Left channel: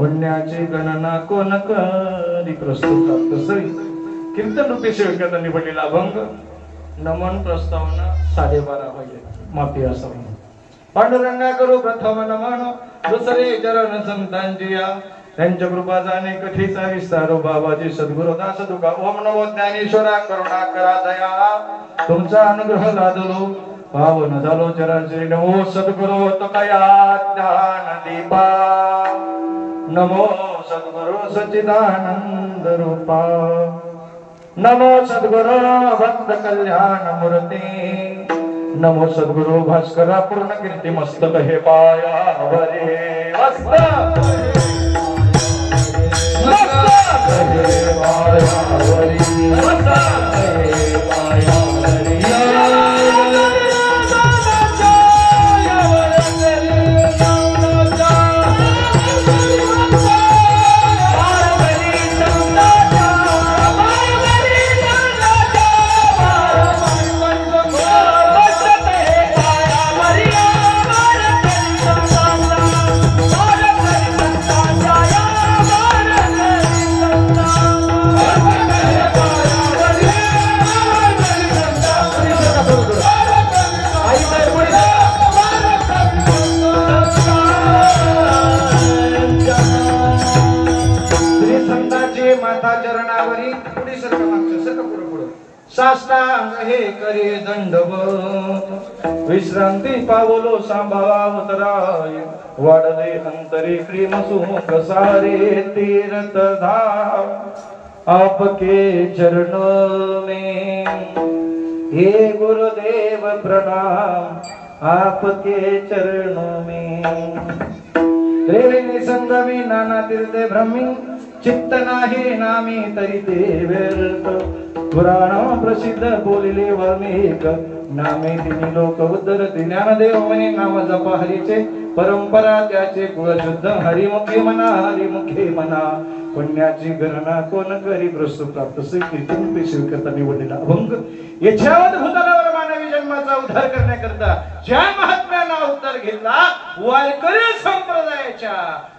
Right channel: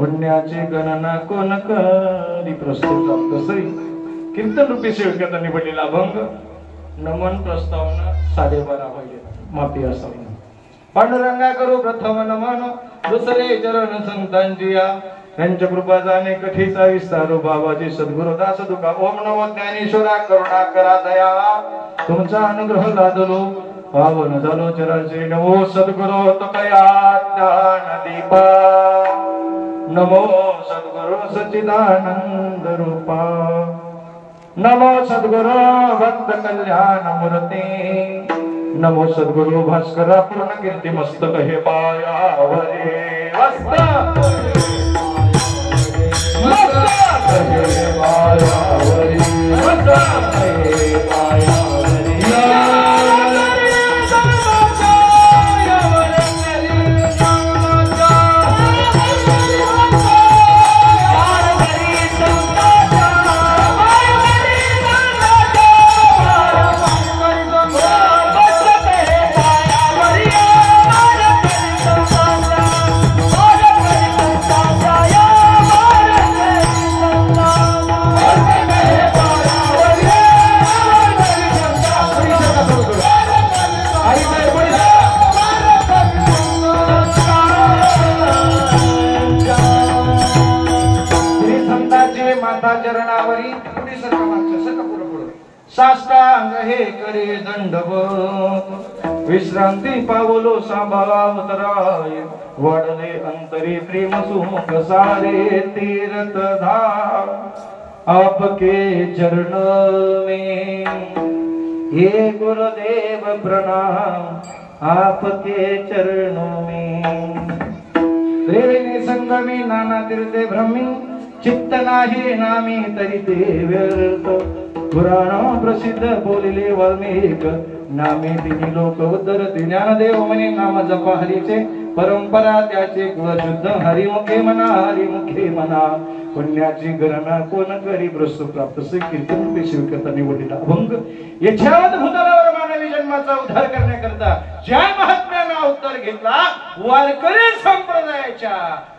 पुण्याची गणना कोण करी प्रस्तुत तसरी कीर्तन रूपी सेवकांनी निवडलेला अभंग नमन प्रस्तावना 12:30 पाहिजे माती असावी. पांडुरंगा करू प्रथम नमन दुसरे चरण संतांची या त्यांच्या कृपा जाणे कठीचा विस्तारो बाबाजी सद्गुरु दास तुका ओम नमो ज्ञानेश्वरा करुणा करा दयावा तुमचा अनुग्रह लादलो पावन झालो चराचरी नमो सद्गुरु तुकया ज्ञान दीपा नमो सद्गुरु सच्चिदानंद रूपा नमो सद्गुरु भक्त कल्याण मूर्ती नमो सद्गुरु भास्कर पूर्ण कीर्ती मस्तक हे पायावरे साष्टांग हे करे दंडवत विश्रांती पावलो सांभाळा उतराय वाढले अंतरी प्रेम सुख सारे तीर्थ धाम आपके चरण में हे गुरुदेव प्रणाम आपके चरणों में त्रिवेणी संगमी नाना तीर्थे ब्रह्मी चित्त नाही नामी तरी ते व्यर्थ पुराण प्रसिद्ध बोलिले वाल्मिक नामे तिन्ही लोक उद्धरती ज्ञानदेव म्हणे नाम जपा हरीचे परंपरा त्याचे कुलशुद्ध हरिमुखे म्हणा पुण्याची गणना कोण करी प्रस्तुत प्राप्त से कीर्तन पे स्वीकारता निवडलेला अभंग याच्यावर भूतलावर मानवी जन्माचा उद्धार करण्याकरता ज्या महात्म्यानं अवतार घेतला वारकरी संप्रदायाच्या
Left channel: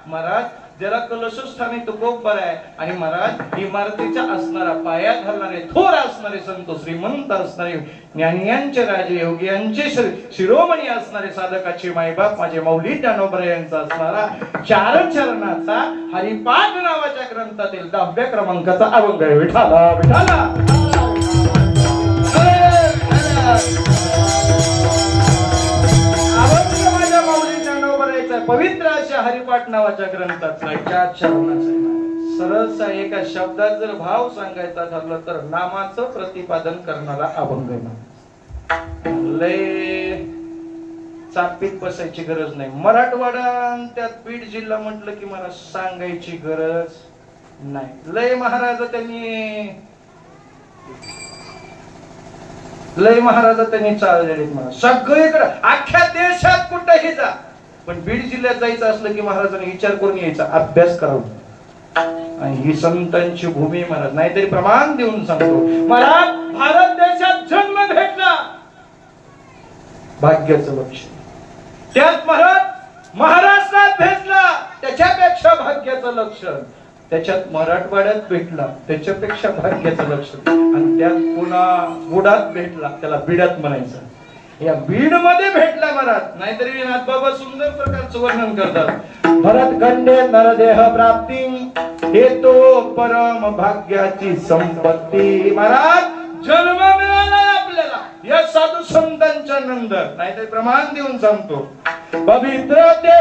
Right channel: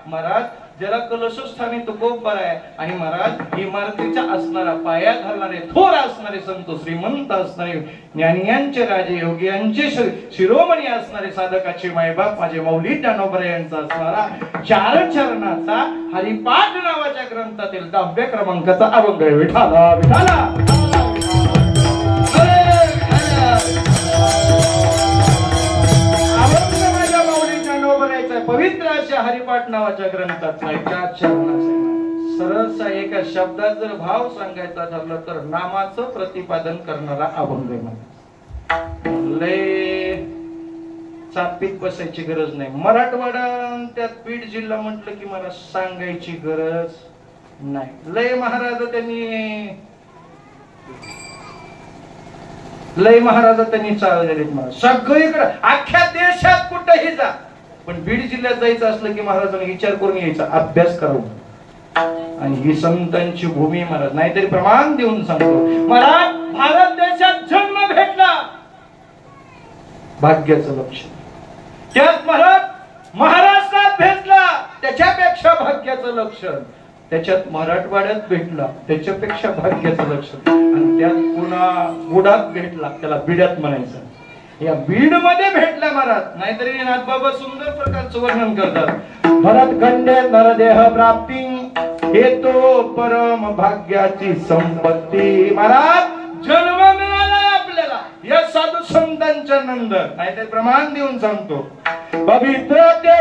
महाराज जरा कलशस्थानी तुकोबर आहे आणि महाराज इमारतीच्या असणारा पाया घालणारे थोर असणारे संत श्रीमंत असणारे ज्ञानियांचे राजे योगियांचे शिरोमणी असणारे साधकाचे मायबाप माझे मौली ज्ञानोबा यांचा असणारा 4 चरणाचा हरिपाठ नावाच्या ग्रंथातील 10व्या क्रमांकाचा अभंग आहे. विठाला विठाला पवित्र अशा हरिपाठ नावाच्या ग्रंथातला 4 चरणाचा सरळ एका शब्दात जर भाव सांगायचा ठरलं तर नामाचं प्रतिपादन करणारा अभंग आहे. लय चापीत बसायची गरज नाही. मराठवाडा त्यात बीड जिल्हा म्हटलं की मला सांगायची गरज नाही. लय महाराज त्यांनी चाललेले सगळीकडे अख्ख्या देशात कुठेही जा पण बीड जिल्ह्यात जायचं असलं की महाराजांनी विचार करून यायचा अभ्यास करून आणि ही संतांची भूमी महाराज. नाहीतरी प्रमाण देऊन सांगतो मला भारत देशात जन्म भेटला भाग्याचं लक्षण. त्यात महाराज महाराष्ट्रात भेटला त्याच्यापेक्षा भाग्याचं लक्षण. त्याच्यात मराठवाड्यात भेटला त्याच्यापेक्षा भाग्याचं लक्षण. आणि त्यात पुन्हा बुडात भेटला त्याला बिडात म्हणायचं. या बीड मध्ये भेटला महाराज. नाहीतरी नाथबाबा सुंदर प्रकारचं वर्णन करतात. भरत खंडे नरदेह प्राप्ती हेतो परम भाग्याची संपत्ती. महाराज जन्म मिळाला आपल्याला या साधू संतांच्या नंतर. नाहीतर प्रमाण देऊन सांगतो पवित्र ते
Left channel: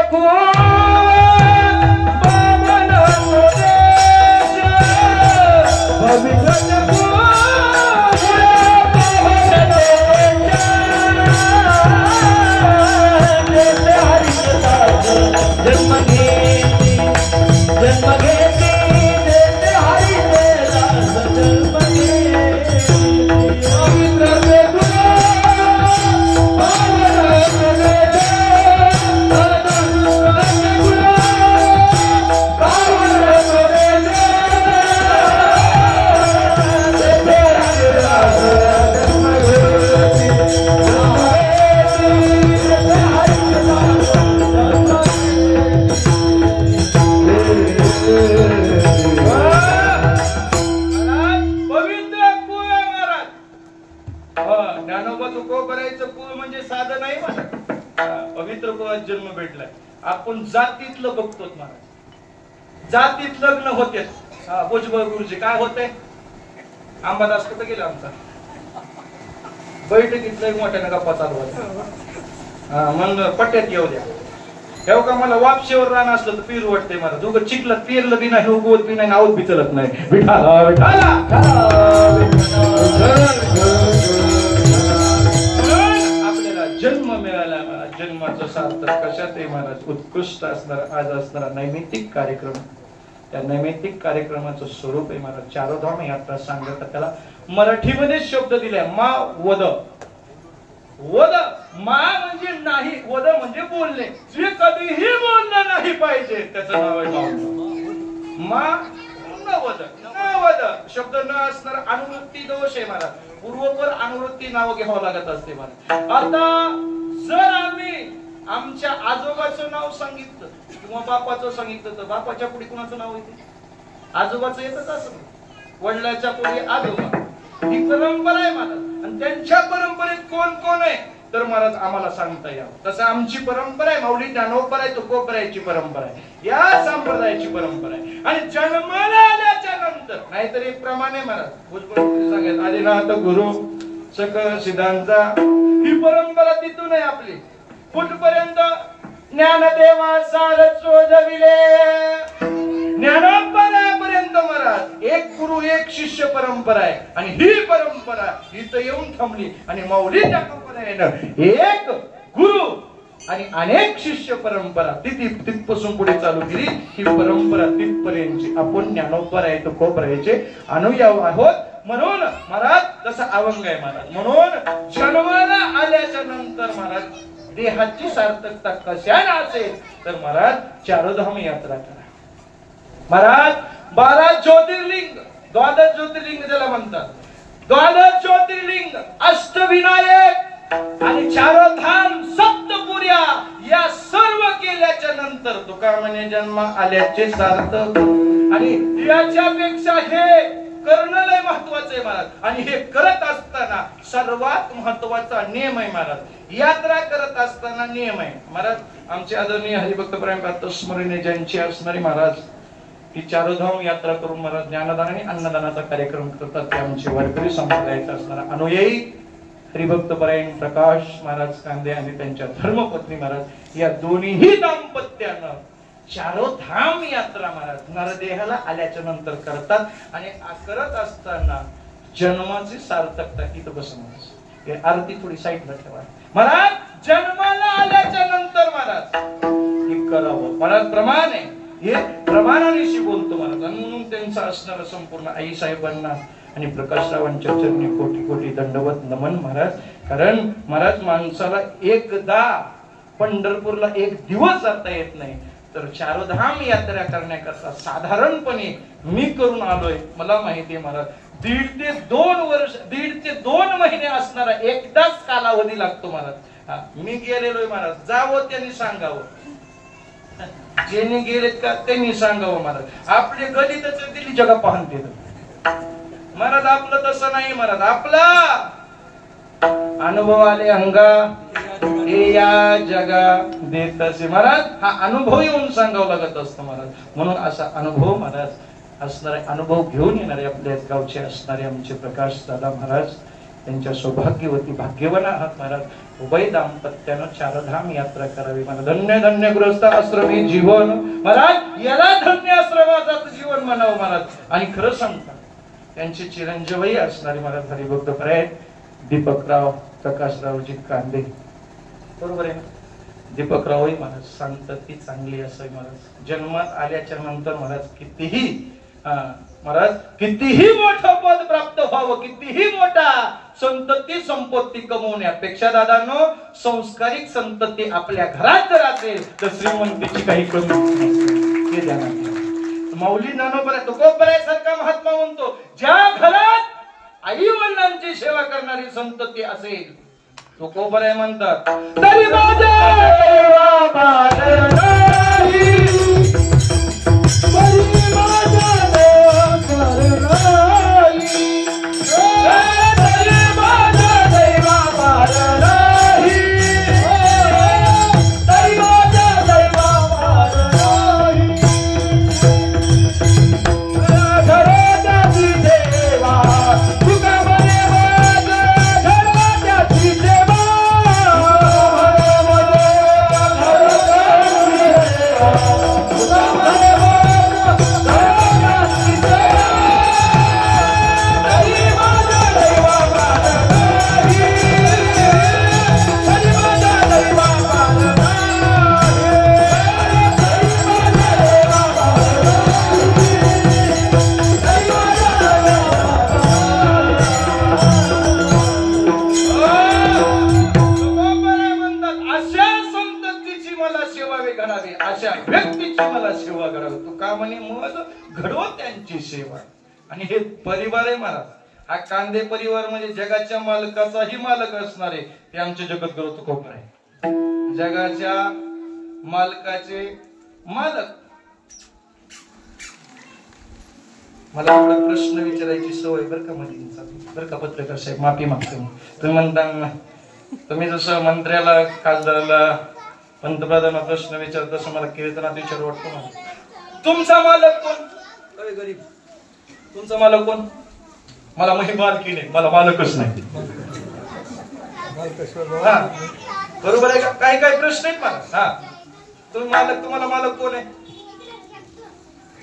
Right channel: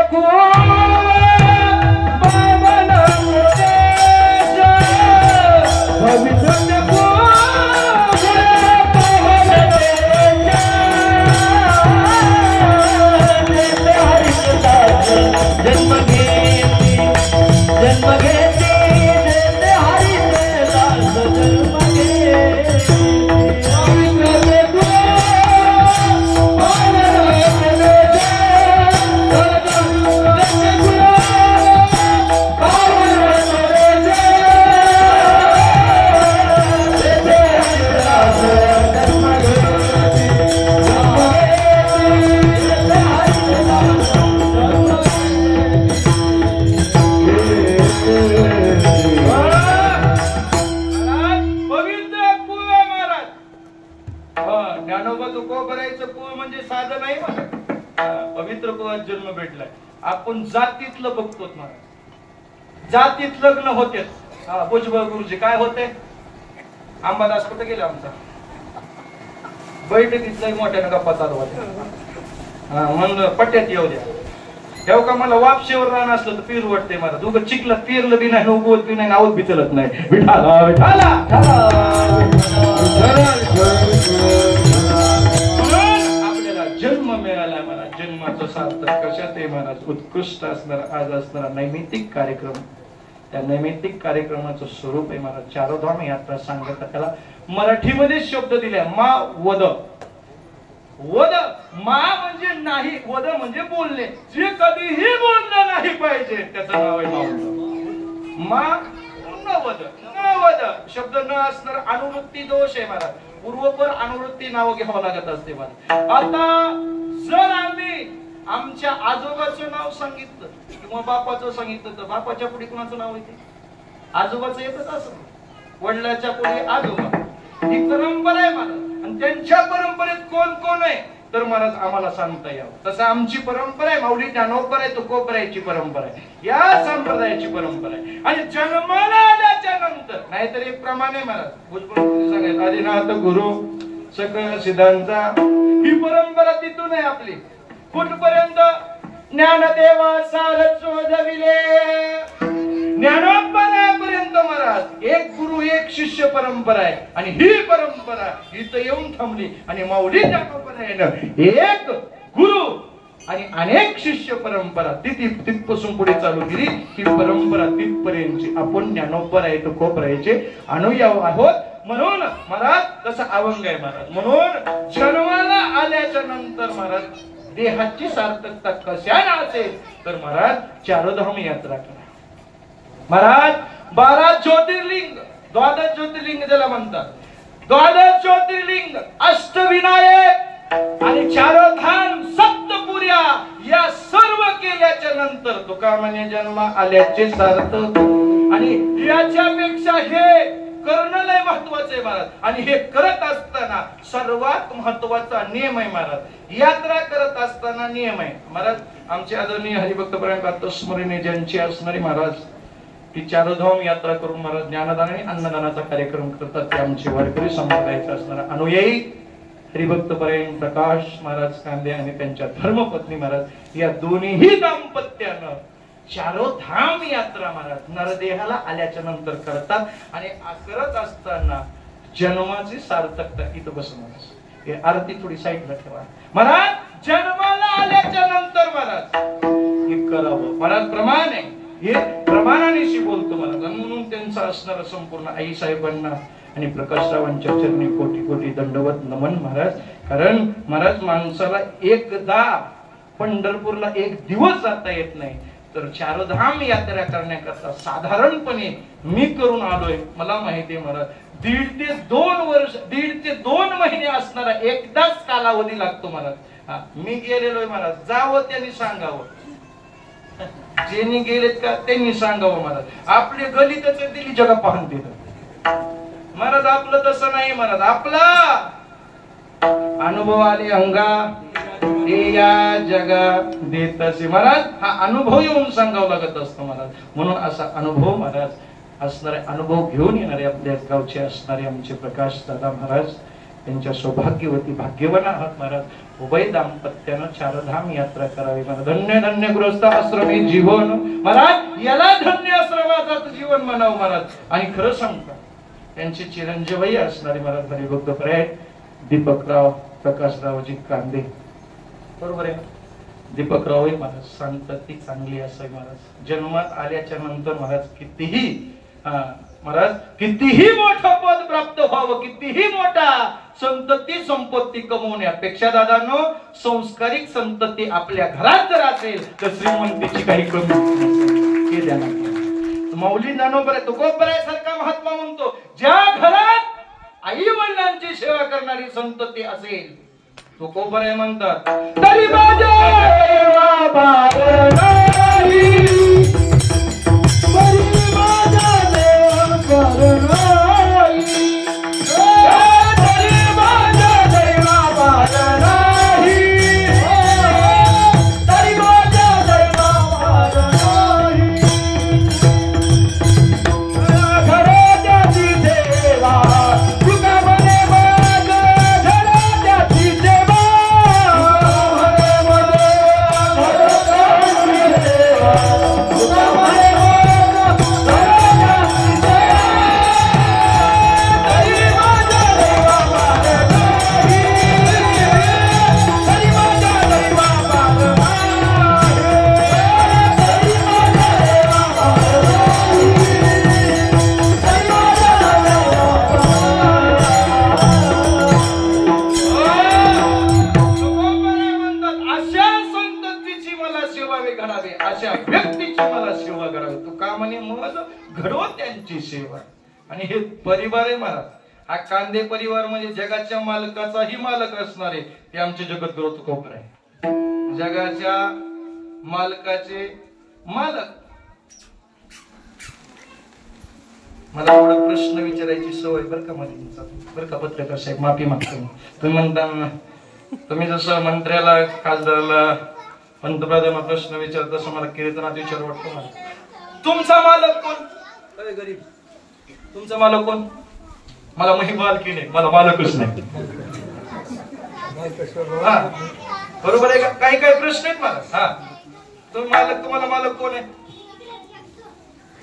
आपण जातीतलं बघतो महाराज. जातीत लग्न होते. भुजबळ गुरुजी काय होते अंबादास कुठे गेला आमचा बैठकीतलं मोठ्या गप्पा चालू होत्या. मग पट्ट्यात येऊ द्या तेव्हा का मला वापशेवर राहणं असलं तर पीर वाटते मला. दुगं चिखलं पेरलं बी नाही उगवत बी नाही आवत बी चलत नाही. जन्म मिळाला मला. जन्माचं सार्थक कशात आहे महाराज. उत्कृष्ट असणारा आज असणारा नैमित्तिक कार्यक्रम. त्या नैमित्तिक कार्यक्रमाचं स्वरूप आहे महाराज चारोधाम यात्रा सांगतात. त्याला मराठीमध्ये शब्द दिले मा वद. वद मा म्हणजे नाही वद म्हणजे बोलणे. जे कधीही बोललं नाही पाहिजे त्याचं नाव आहे मा. न वद न वद शब्द न असणार अनुवृत्ती दोष आहे महाराज. पूर्वपर अनुवृत्ती नाव घ्यावं लागत असते महाराज. आता जर आम्ही आमच्या आजोबाचं नाव सांगितलं किंवा बापाचं सांगितलं तर बापाच्या पुढे कोणाचं नाव येते. आजोबाचं येतच असं. वडिलाच्या पुढे आजोबा ही परंपरा आहे महाराज. आणि त्यांच्या परंपरेत कोण कोण आहे तर महाराज आम्हाला सांगता यावं. तसं आमची परंपरा आहे. माऊली ज्ञानोबर आहे तुकोबरायची परंपरा आहे. या संप्रदायाची परंपरा आहे. आणि जन्माला आल्याच्या नंतर नाहीतर एक प्रमाणे महाराज भुजबळ सांगायचं आदिनाथ गुरु सकळ सिद्धांचा ही परंपरा तिथून आहे आपली. कुठपर्यंत ज्ञानदेवा सारस्वतविले ज्ञानोबरापर्यंत महाराज एक गुरु एक शिष्य परंपरा आहे. आणि ही परंपरा इथं येऊन थांबली. आणि माऊली ज्ञानोबरायनं एक गुरु आणि अनेक शिष्य परंपरा तिथपासून पुढे चालू केली. ही परंपरा तिथपर्यंतची आपण ज्ञानोबराय तुकोबरायचे अनुयायी आहोत. म्हणून महाराज तसा अभंग आहे महाराज. म्हणून जन्माला आल्याच्या नंतर महाराज देहाची सार्थकता कशाने असेल तर महाराज चारोधाम यात्रा करा महाराज. 12 ज्योतिर्लिंग 12 ज्योतिर्लिंग ज्याला म्हणतात. 12 ज्योतिर्लिंग अष्टविनायक आणि चारोधाम सप्तपुर्या या सर्व केल्याच्या नंतर तुका म्हणे जन्म आल्याचे सार्थक. आणि याच्यापेक्षा हे करणं लय महत्वाचं आहे महाराज. आणि हे करत असताना सर्वात महत्वाचा नियम आहे महाराज. यात्रा करत असताना नियम आहे महाराज. आमचे आदरणीय हरिभक्त प्रेम स्मरणीय ज्यांची असणारी महाराज ती चारोधाम यात्रा करून महाराज ज्ञानदान आणि अन्नदानाचा कार्यक्रम करतात. ते आमचे वारकरी संप्रदायाचे असणारे अनुयायी हरिभक्त परायण प्रकाश महाराज कांदे आणि त्यांच्या धर्मपत्नी महाराज या दोन्ही दाम्पत्यानं चारोधाम यात्रा महाराज नरदेहाला आल्याच्या नंतर करतात. आणि करत असताना जन्माची सार्थकता इथं बसून आरती थोडी साईडला ठेवा महाराज. जन्माला आल्याच्या नंतर महाराज हे करावं महाराज. प्रमाण आहे हे प्रमाणानेशी बोलतो महाराज. म्हणून त्यांचा असणारा संपूर्ण आई साहेबांना आणि प्रकाशरावांच्या चरणी कोटी कोटी दंडवत नमन महाराज. कारण महाराज माणसाला एकदा पंढरपूरला एक दिवस जाता येत नाही तर चारधाम यात्रा करण्याकरता साधारणपणे मी करून आलोय, मला माहिती आहे मला 1.5 ते 2 वर्ष 1.5 ते 2 महिने असणारा एकदाच कालावधी लागतो महाराज. मी गेलेलोय महाराज, जावं त्यांनी सांगावं, ज्यांनी गेलेत का त्यांनी सांगावं महाराज. आपली गलितच दिली जग पाहून देत महाराज, आपलं तसं नाही महाराज. आपला अनुभव आले अंगा हे या जगा देत असे महाराज. हा अनुभव येऊन सांगावं लागत असतो महाराज. म्हणून असा अनुभव महाराज असणारे, अनुभव घेऊन येणारे आपल्या गावचे असणारे आमचे प्रकाश दादा महाराज, त्यांच्या सौभाग्यवती भाग्यवान आहात महाराज. उभय दाम्पत्यानं चारधाम यात्रा करावी महाराज. धन्य धन्य गृहस्थ आश्रमी जीवन महाराज, याला धन्य आश्रमाचं जीवन म्हणावं महाराज. आणि खरं सांगता त्यांचे चिरंजीवही असणारे महाराज हरिभक्त खरे दीपकराव प्रकाशरावजी कांदे, बरोबर आहे. दीपकरावही महाराज सांगतात ती चांगली असावी महाराज. जन्मात आल्याच्या नंतर महाराज कितीही महाराज कितीही मोठं पद प्राप्त व्हावं, कितीही मोठा संतती संपत्ती कमवण्यापेक्षा दादांनो संस्कारिक संतती आपल्या घरात जर असेल तर श्रीमंतीची काही कमी केल्या नाही. माऊली ज्ञानोबा तुकोबरायासारखा महात्मा म्हणतो, ज्या घरात आई वडिलांची सेवा करणारी संतती असेल, तुकोबराय म्हणतात तरी माझ्या सेवा. आणि हे परिवार आहे महाराज, हा कांदे परिवार म्हणजे जगाच्या मालकाचाही मालक असणारे ते आमचे जगद्गुरु तुकोबराय आहे. जगाच्या मालकाचे मालक. मला थोडा प्रश्न विचारायची सवय बरं का मध्ये, बरं का पत्रकार साहेब, माफी मागतो. तुम्ही म्हणता, तुम्ही जसं मंत्र्याला खासदाराला पंतप्रधानाला प्रश्न विचारत तसं मला कीर्तनात विचार वाटतो ना, तुमचा मालक कोण? अरे गरीब, तुमचा मालक कोण? मला मही मालकी नाही, मला मालकच नाही. बरोबर आहे का? काही काही प्रश्न आहेत मला. तुम्ही मालक, तुम्हाला मालक कोण आहे?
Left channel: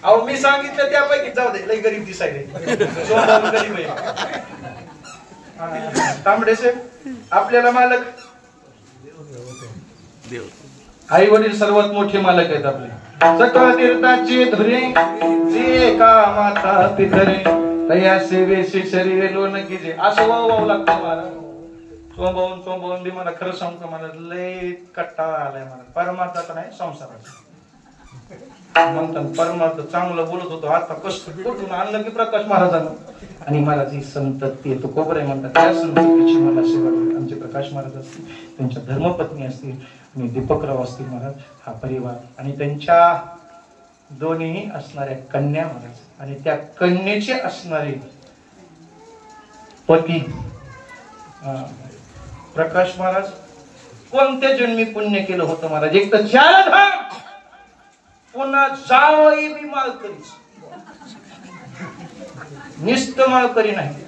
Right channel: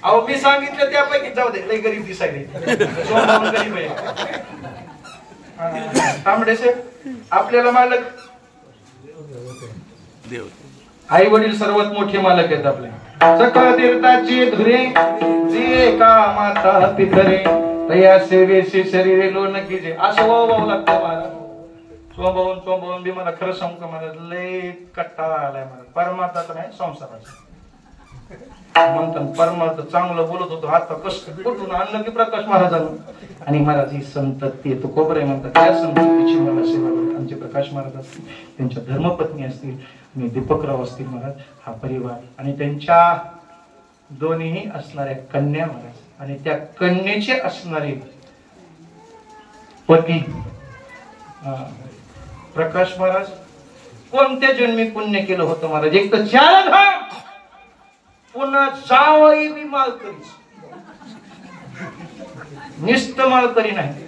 अहो मी सांगितलं त्यापैकी जाऊ दे, लई गरीब दिसायले गरीब आहे. तांबडे साहेब, आपल्याला मालक आई वडील सर्वात मोठे मालक आहेत आपले. सखा तीर्थाची धुरे जे का माता पितरे तया सेवेशी शरीरे लोन कीजे. असं लागतं महाराज. स्वभावून बी मला खरं सांगतो महाराज, लय कट्टाळा आलाय मला. परमात्मा नाही, संसाराचा म्हणतात. परमात्मा चांगलं बोलत होतो, आता कष्ट कुठून आणलं की प्रकाश महाराजांना. आणि महाराज ही संतती तुकोबराय म्हणतात, त्या संततीची मला सेवा करा. आमचे प्रकाश महाराज असतील, त्यांच्या धर्मपत्नी असतील आणि दीपकराव असतील महाराज, हा परिवार आणि त्यांच्या दोन्ही असणाऱ्या कन्या महाराज आणि त्या कन्येचे असणारे पती प्रकाश महाराज कोणत्या जन्मी पुण्य केलं होतं महाराज. एक तर चारधाम, पुन्हा जावई बी मालकरी, निस्त मालकरी नाही,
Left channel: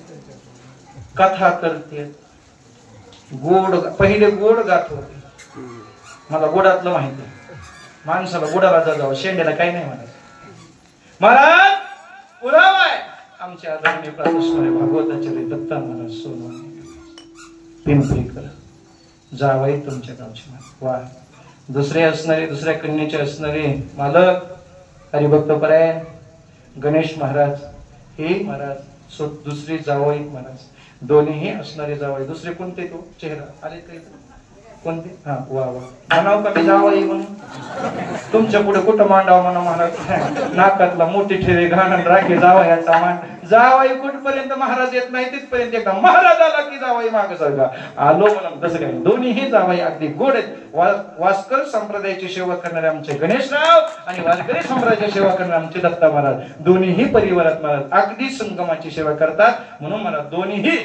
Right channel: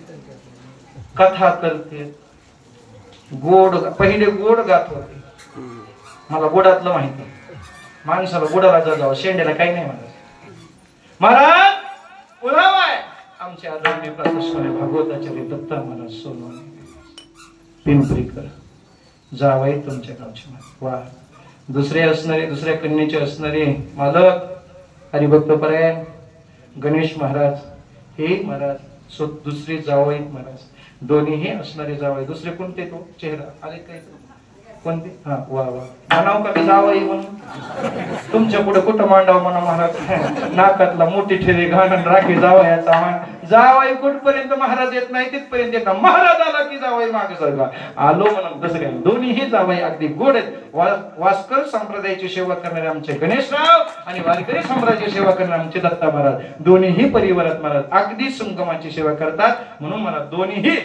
कथा करते, गोड, पहिले गोड गात होते. मला गोडातलं माहिती, माणसाला गोडाला जाऊ, शेंड्याला काही नाही महाराज. महाराज पुरावा आहे आमचे आदरणीय प्रातस्मरण भागवताचार्य दत्ता महाराज सोनवणे पिंपरीकर जावई तुमच्या गावचे वा. दुसरे असणारे, दुसऱ्या कन्येचे असणारे मालक हरिभक्तपरायण गणेश महाराज हे महाराज दुसरे जावई महाराज, दोन्हीही असणारे जावई. दुसरे कोणते? तो चेहरा आले काही कोणती? हा वा वा म्हणाव का मी जावई म्हणून तुमच्या पुढे कुठं मांडाव म्हणा म्हणा नाकातला मोठी ठेवी घालून राखे जावयाचा मान जावई कुठपर्यंत महाराज येत नाही तिथपर्यंत का महाराज आला की जावई माग सारखा आलो म्हणून कसं काय दोन्हीही जावई अगदी गोड आहेत वास्कर संप्रदायाची सेवा करणारे आमचे गणेशराव आणि वारकरी संप्रदायाची सेवा करणारे आमचे दत्ता महाराज दोन्हीही परिवारात महाराज अगदी संगमाची सेवा करतात म्हणून मला दोन्हीही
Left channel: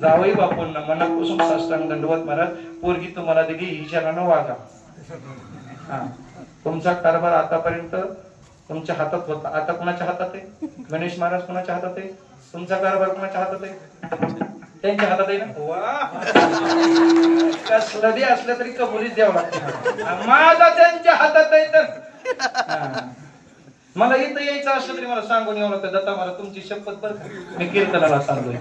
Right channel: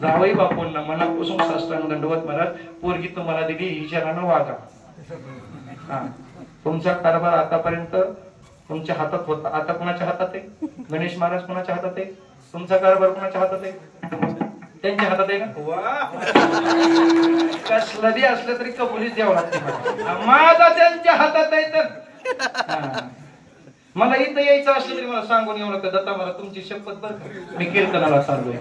जावई बापूंना मनापासून साष्टांग दंडवत महाराज पोरगी तुम्हाला दिली हिच्यानं वागा तुमचा कारभार आतापर्यंत तुमच्या हातात होता आता कोणाच्या हातात आहे गणेश महाराज कोणाच्या हातात आहे तुमचा कारभार कोणाच्या हातात आहे त्यांच्या हातात आहे ना वा कसलं असलं तरी कबुलीच द्यावं लागतं माझा त्यांच्या हातात आहे तर मला इथं यायचं असलं तरी मला सांगून येऊ लागतं दत्ता महाराज तुमची शपथ बरं मी कीर्तनाला सांगतोय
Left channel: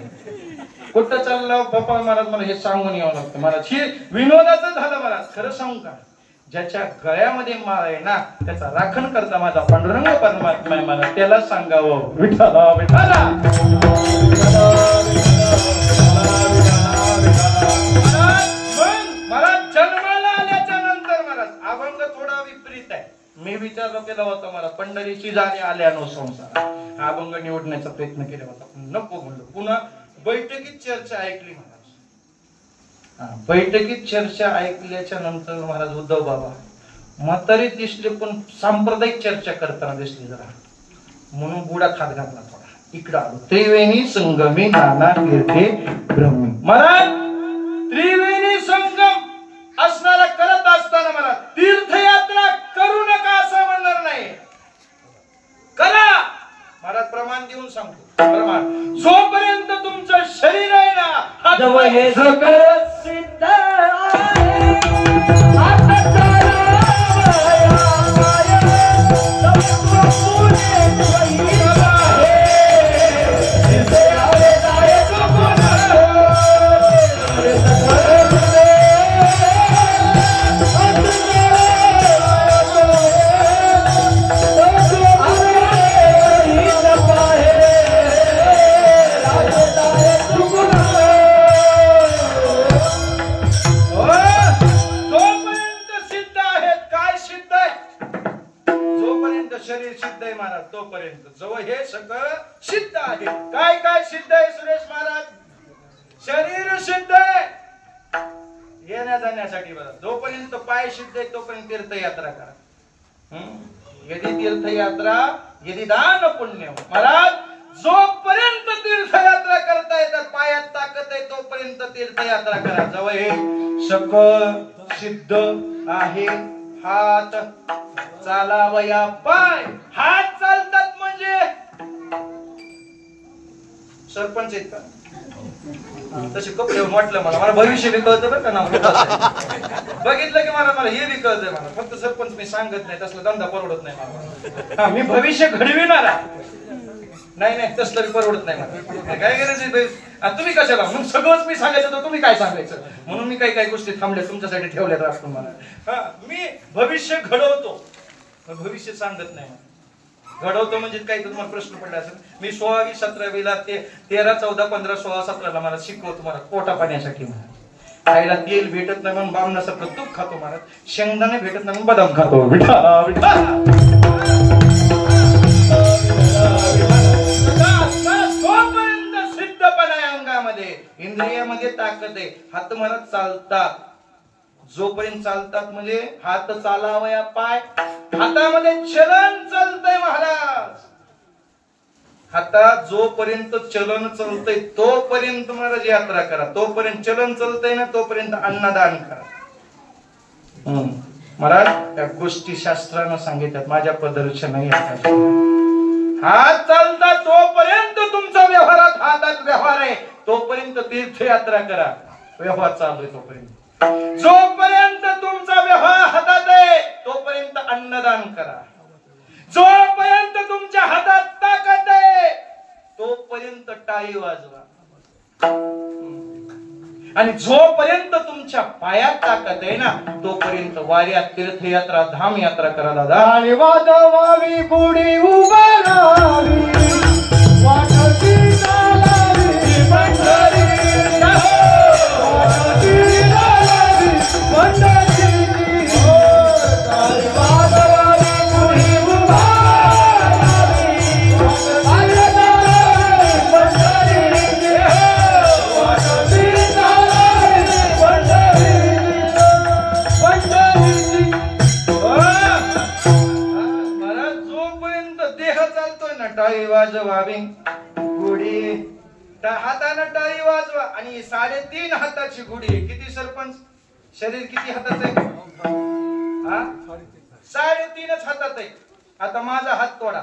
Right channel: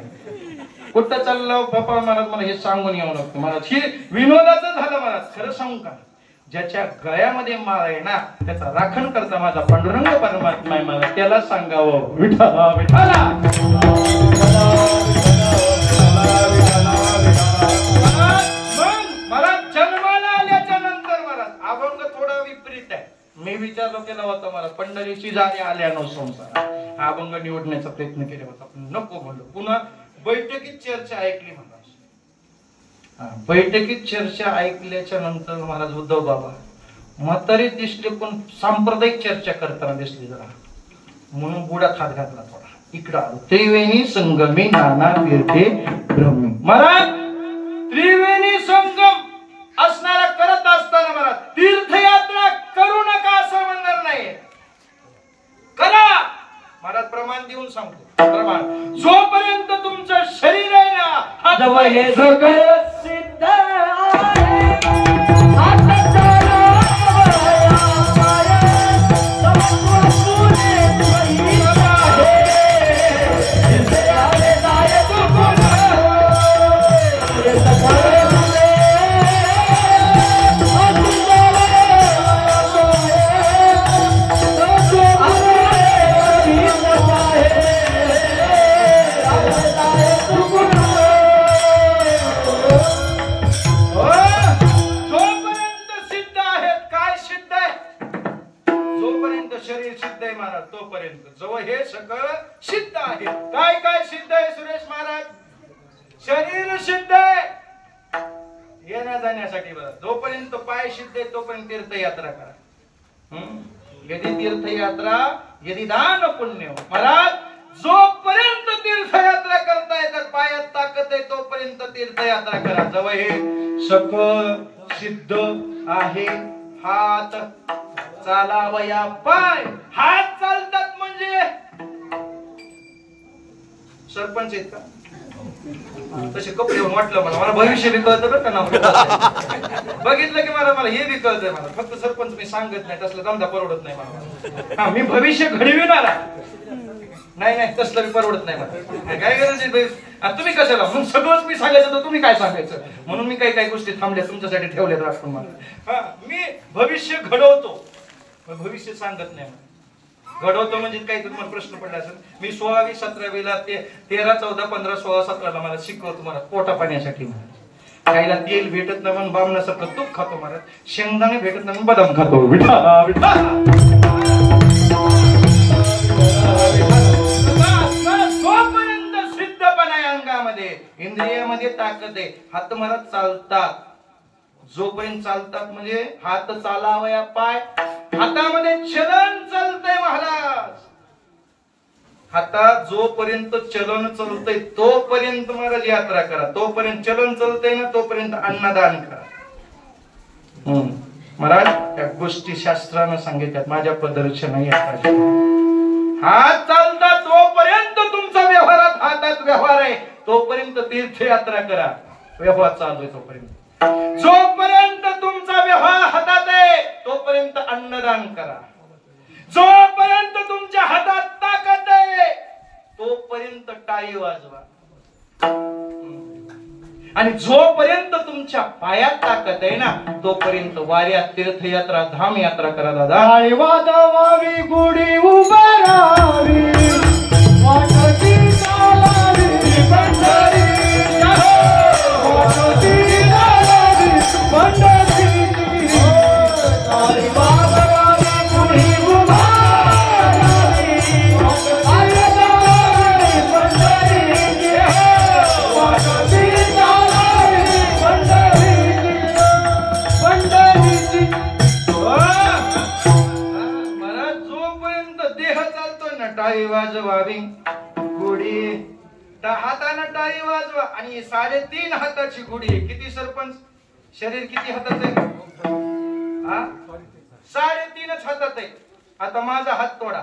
कुठं चाललं बाप्पा महाराज मला हे सांगून यावं लागतं मला हे विनोदाचं झालं मला खरं सांगू का ज्याच्या गळ्यामध्ये माळ आहे ना त्याचा राखण करता माझा पांडुरंग परमात्मा आहे मला त्याला सांगावं विठ्ठला विठ्ठला मला जन्माला आल्याच्या नंतर महाराज अभंग थोडा विपरीत आहे मी विचारलो केला होता मला पंढरीची जाणे आल्यानो संसार हा अभंग निवडण्याचा प्रयत्न केला होता नको म्हणलो पुन्हा बैठकीत चर्चा ऐकली महाराज बैठकीत चर्चा ऐकल्याच्या नंतर महाराज उद्धव बाबा म्हातारी दिसले पण सांप्रदायिक चर्चा करताना दिसली जरा म्हणून बुडा खात घातला थोडा इकडं आलो त्रिवेणी संगमी नाना तीर्थे ब्रह्मी महाराज त्रिवेणी संगम असणारा करत असताना महाराज तीर्थयात्रा करू नका असं म्हणणार नाही करा महाराज प्रमाण देऊन सांगतो प्रमाण जोपर्यंत तुमचं शरीर आहे ना जवळ हे सगळं सिद्ध जवळ हे सगळं सिद्ध आहे काय काय सिद्ध आहे सुरेश महाराज शरीर सिद्ध आहे येण्या जाण्यासाठी जोपर्यंत पाय सिद्ध आहे तोपर्यंत तीर्थयात्रा करा यदि तीर्थयात्रा यदि दान पुण्य महाराज जोपर्यंत तीर्थयात्रा करता येतात पायात ताकद आहे तोपर्यंत तीर्थयात्रा करा जवळ हे सकळ सिद्ध आहे हात चालावया पाय हात चालतात म्हणजे सरपंच आहेत का तसे कपडे वाटलं मला भविष्य बी कळतं बरं का नाव बघितलं की मला हे बी कळतंय मला फक्त सरपंच मी सांगत नाही तसला धंदा परवडत नाही मला मी भविष्य घडविणार नाही नाही तसलं परवडत नाही मला काय गरज तुम्ही कशाला म्हणून सगळंच मी सांगायचं तर तुम्ही काय सांगायचं म्हणून मी काही काही गोष्टी थांबल्या तुमच्यासाठी ठेवल्यात राखून मला मी भविष्य घडवतो भविष्य सांगत नाही घडवतो म्हणजे काही तुम्हाला प्रश्न पडला असेल मी 16वी 17वीला ते 13 14 15 16 17ला मला शिकवतो मला पोटा पाण्यासाठी खायला तेल भेटत नाही म्हणून बामणासारखं तूप खातो मला शेंगदाणे भेटत नाही म्हणून बदाम खातो जोपर्यंत सिद्धपणा आहे अंगामध्ये इंद्रियामध्ये ताकद आहे हात मला चालतात जोपर्यंत चालतात म्हणजे हात चालावया पाय हातामध्ये चलन चालतंय महाराज हातात जोपर्यंत चलन चालतंय तोपर्यंत महाराज यात्रा करा तोपर्यंत चलन चालतंय ना तोपर्यंत अन्नदान करा महाराज त्या गोष्टी शास्त्रानं सांगितल्यात माझ्या पदरच्या नाही हात चालतात तोपर्यंत तुमचा व्यवहारात हातात व्यवहार आहे तोपर्यंत तीर्थयात्रा करा व्यवहार चालू आहे तोपर्यंत जोपर्यंत तुमचा व्यवहार हातात आहे तोपर्यंत अन्नदान करा जोपर्यंत तुमच्या हातात ताकद आहे तोपर्यंत टाळी वाजवा आणि जोपर्यंत तुमच्या पायात ताकद आहे ना तोपर्यंत वाऱ्यात तीर्थयात्रा धाम यात्रा करा दादा वाजवावी गुढी उभारावी वाटती चालावी पंढरी वाटती चालावी चालतो ना टाळी वाजवावी गुढी हातानं टाळी वाजवा आणि 3.5 हाताची गुढी. किती सरपंच? शरीर किती हाताचं आहे? 3.5 हातात आहे. आता माझा हात तोडा.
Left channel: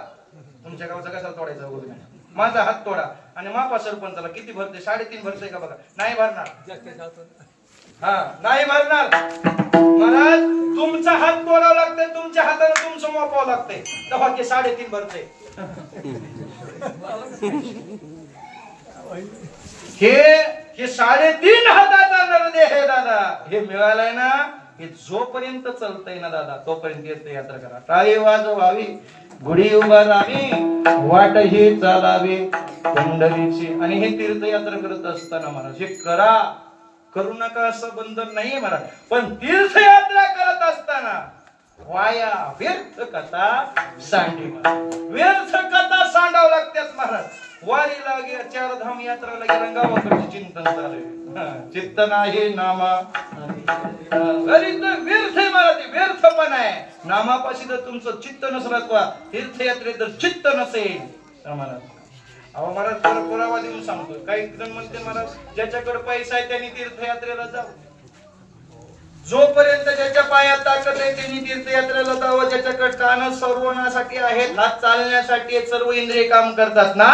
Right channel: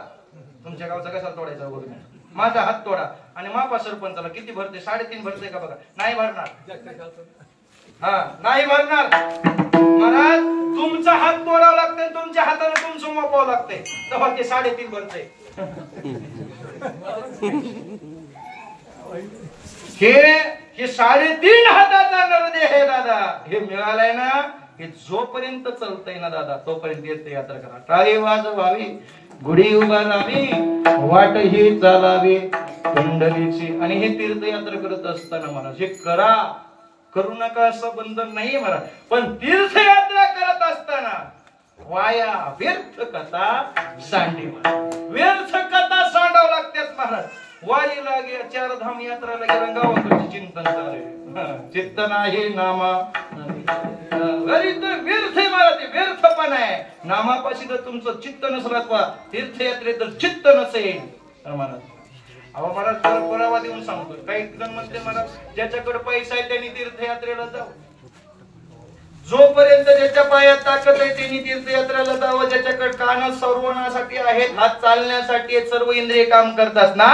तुमच्या गावचा कसा तोडायचा वगैरे माझा हात तोडा आणि मापा सरपंचाला किती भरते? 3.5 भरते का बघा. नाही भरणार. नाही भरणार. महाराज तुमचा हात तोडावा लागतंय, तुमच्या हाताने तुमचं मोपावं लागतंय तेव्हा ते 3.5 भरते. हे 3.5 हाताचा नरदेह आहे दादा. हे मिळालंय ना, हे जोपर्यंत चालतंय ना दादा तोपर्यंत तीर्थयात्रा करा. टाळी वाजवावी गुढी उभारावी वाट ही चालावी कुंडलीची. आणि हे तीर्थयात्रा करत असताना महाराज हे करू नका असं बंधन नाहीये महाराज. पण तीर्थयात्रा करत असताना वाया व्यर्थ कथा सांडी व्यर्थ कथा सांडावं लागतात महाराज. वारी लागे 4 धाम यात्रा लागे रंगावरचं चिंतन चालू चित्त नाही नामा व्यर्थ आहे मला. ते व्यर्थपण आहे. नामापाशी जर तुमचं चित्त नसलं किंवा तीर्थयात्रेत जर चित्त नसेल महाराज. अहो महाराज पुरावा देऊन सांगतो. काही जण म्हणते महाराज ज्याच्याकडे पैसा आहे त्यांनी तीर्थयात्रेला जावं. जोपर्यंत ज्याच्या पायात ताकद आहे त्यांनी तीर्थयात्रेला जावं. ज्याच्याकडे कान सर्वनासाठी आहेत, हात चालण्यासाठी आहेत, सर्व इंद्रिय काम करतात ना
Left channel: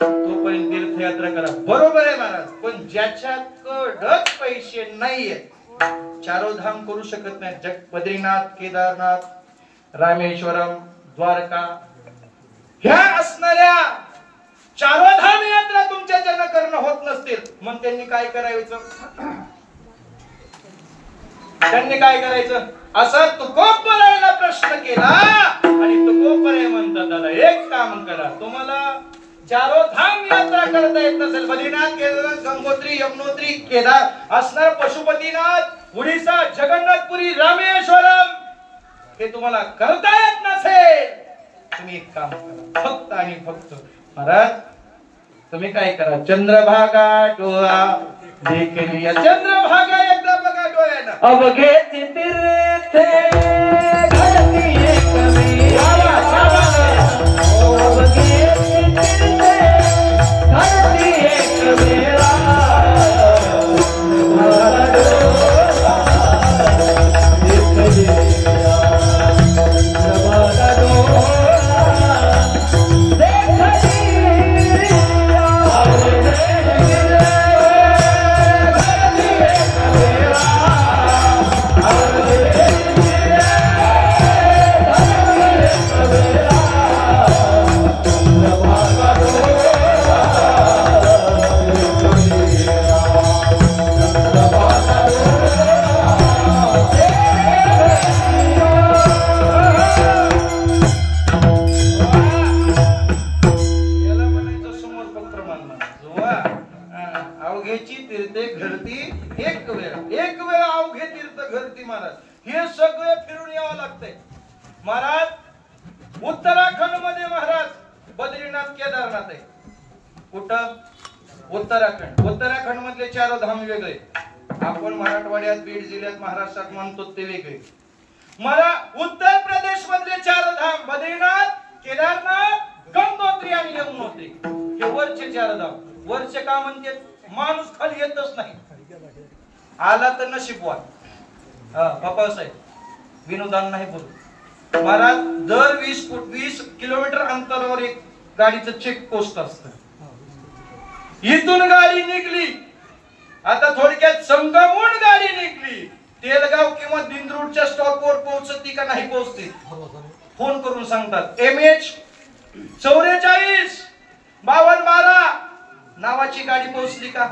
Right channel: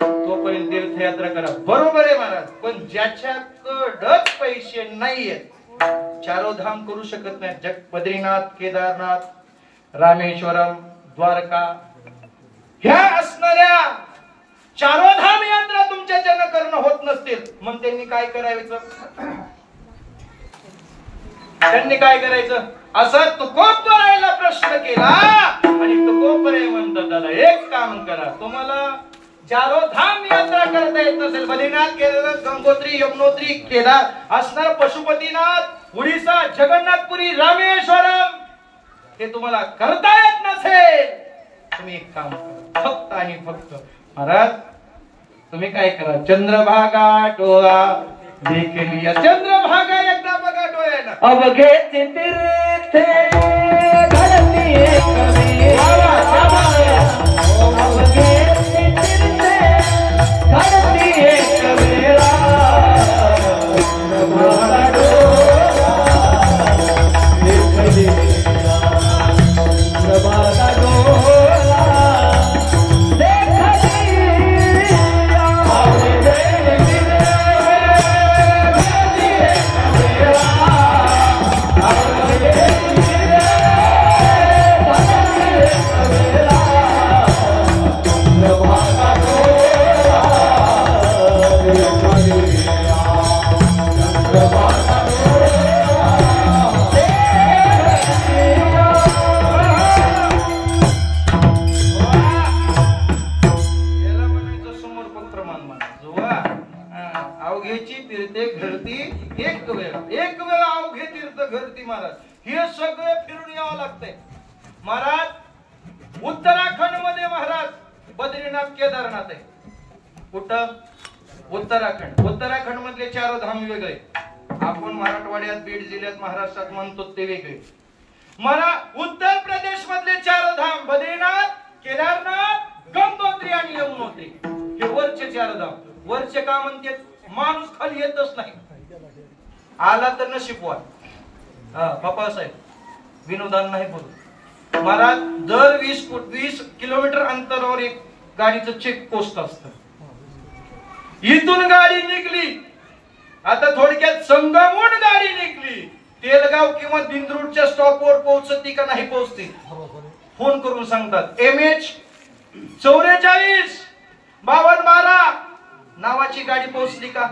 तोपर्यंत तीर्थयात्रा करा. बरोबर आहे महाराज. पण ज्याच्याकडच पैसे नाहीयेत 4 धाम करू शकत नाही. बद्रीनाथ, केदारनाथ, रामेश्वरम, द्वारका ह्या असणाऱ्या 4 धाम यात्रा तुमच्या ज्यांना करणं होत नसतील मग त्यांनी काय करायचं? त्यांनी काय करायचं? असं तुकोबरायला प्रश्न केला आणि तुकोबराय म्हणतात दादा एक काम करा. तुम्हाला 4 धाम यात्रा करता येत नसेल, बद्रीनाथ, केदारनाथ, गंगोत्री, यमुनोत्री, केदार असणार, पशुपतीनाथ, उडीसा, जगन्नाथपुरी, रामेश्वरम हे तुम्हाला करता येत नसेल तुम्ही एक काम करा. फक्त आणि फक्त महाराज तुम्ही काय करा? चंद्रभागा डोळा देखली. चंद्रभागा एकदा बघा डोळ्यानं. अवघे तीर्थे घडती एक वेळा. अवघे तीर्थे घडती एक वेळा. महाराज उत्तराखंड मध्ये महाराज बद्रीनाथ, केदारनाथ आहे. कुठं? उत्तराखंड. उत्तराखंड मधले 4 धाम वेगळे. आपण मराठवाड्यात, बीड जिल्ह्यात, महाराष्ट्रात म्हणतो ते वेगळे. उत्तर प्रदेश मधले 4 धाम बद्रीनाथ, केदारनाथ, गंगोत्री आणि यमुनोत्री हे वरचे 4 धाम. वरचे का म्हणते? माणूस खाली येतच नाही. आला तर नशीबवान. बापा साहेब विनोदान नाही बोलू. महाराज दर 20 किलोमीटर अंतरावर एक गाडीचं चेक पोस्ट असतं. इथून गाडी निघली, आता थोडक्यात संगमून गाडी निघली, तेलगाव किंवा दिंद्रूडच्या स्टॉपवर पोहोचती का नाही पोहोचते फोन करून सांगतात. MH 44 5212 नावाची गाडी पोहोचली का?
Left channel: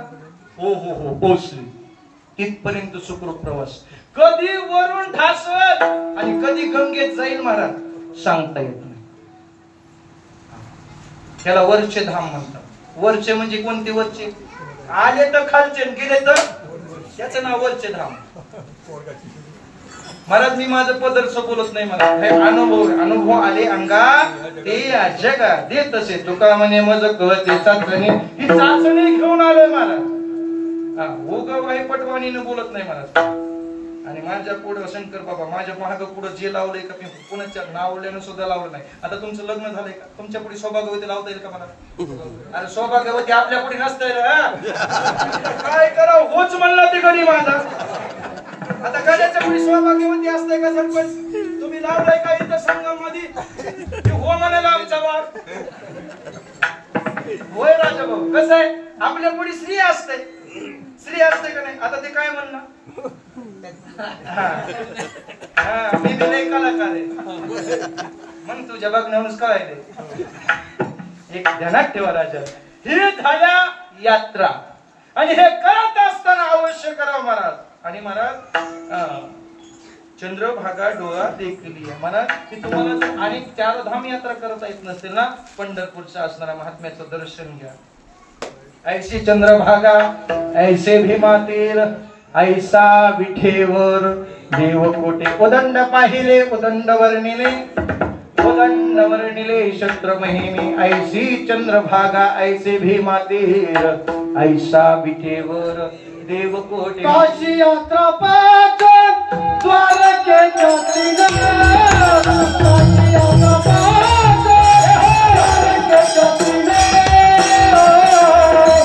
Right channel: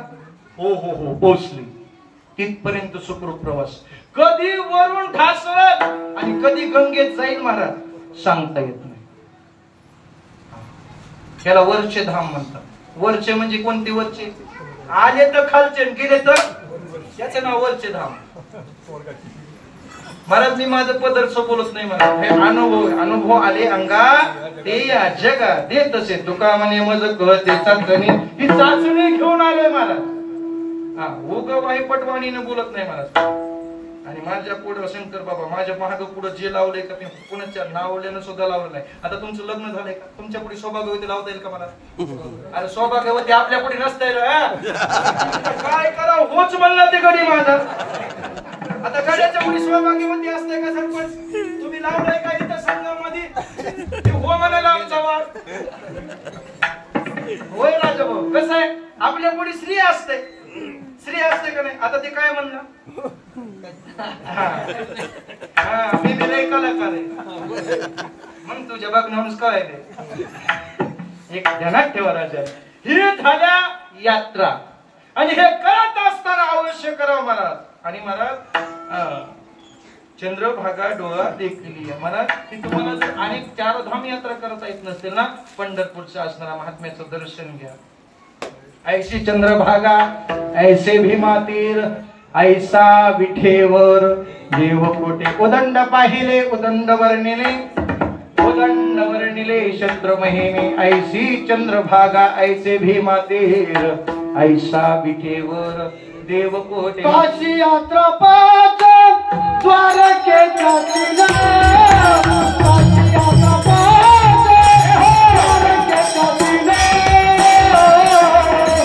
हो हो हो पोहोचली. तिथपर्यंत सुखरूप प्रवास. कधी वरून ढासळत आणि कधी गंगेत जाईल महाराज सांगता येत नाही. त्याला वरचे धाम म्हणतात. वरचे म्हणजे कोणते वरचे? आले तर खालचे, गेले तर त्याचं नाव वरचे धाम. महाराज मी माझं पदरचं बोलत नाही. मला हे अनुभव आले अंगा ते या जगा देत असे. तुका म्हणे मज कळते चाचणी. ही चाचणी घेऊन आलोय महाराज. उगा वाही पटवाणीने बोलत नाही महाराज. आणि माझ्या पुढे शंकर बाबा माझ्या महाग पुढे जे लावलंय का ते कोणाच्या नावल्यानं सुद्धा लावलं नाही. आता तुमचं लग्न झालंय का? तुमच्या पुढे सौभाग्यवती लावता येईल का मला? अरे सौभाग्यवती आपल्या पुढे नसता येईल. काय करा होच म्हणला ते गडी माझा. आता गड्याच्या पुढे सौभाग्यवती असते का सरपंच? तुम्ही लावलाय का इथं संगम मध्ये? हो म्हणायला आमचा वाद होय राजा भाऊ. कसं आहे आपल्या पुढे स्त्री असते. स्त्री असते का नाही? आता ते काय म्हणणं मी नाही कलाकार आहे मग तुझ्या बघण्यावरूनच कळायले. एक ध्यानात ठेवा राजा, हे झाल्या यात्रा आणि हे करत असताना अवश्य करावं महाराज. आणि महाराज चंद्रभागा डोळा देखली आहे महाराज. ती तुम्हाला जर अनेक 4 धाम यात्रा करता येत नसतील ना, पंढरपूरच्या असणारा महात्म्याचं दर्शन घ्या. ऐशी चंद्रभागा ऐसे भीमातीर ऐसा विठेवर देवकोटे उदंड पाहिले उदंड वर्णिले उदंड वर्णिले शस्त्र महिमे ऐसी चंद्रभागा ऐसे भीमातीर ऐसा विठेवर देवकोटे. काशी यात्रा पाच द्वारकेच्या तीरा काशी यात्रा पाच द्वारकेच्या तीरा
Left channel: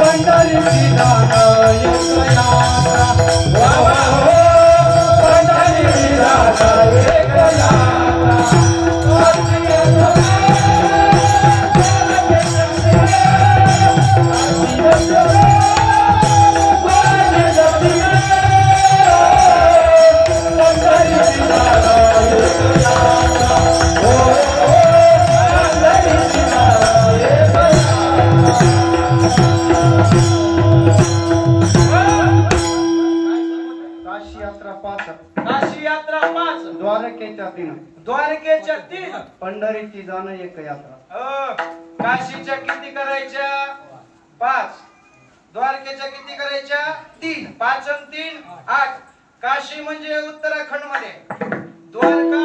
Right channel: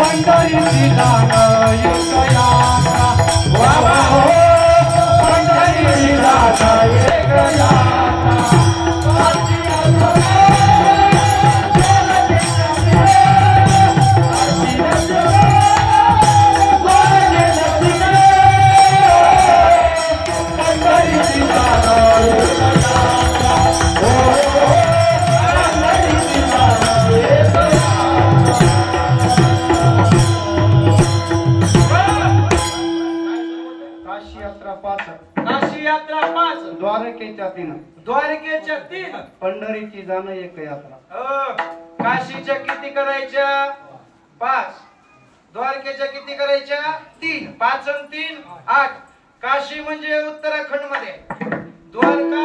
पंढरीची जाण एक यात्रा पंढरीची जाण एक यात्रा काशी यात्रा द्वारकेच्या 3 पंढरीची जाण एक यात्रा. काशीच्या किती करायच्या? 5. द्वारकेच्या किती करायच्या? 3. 5 आणि 3 8. काशी म्हणजे उत्तराखंड मध्ये. द्वारका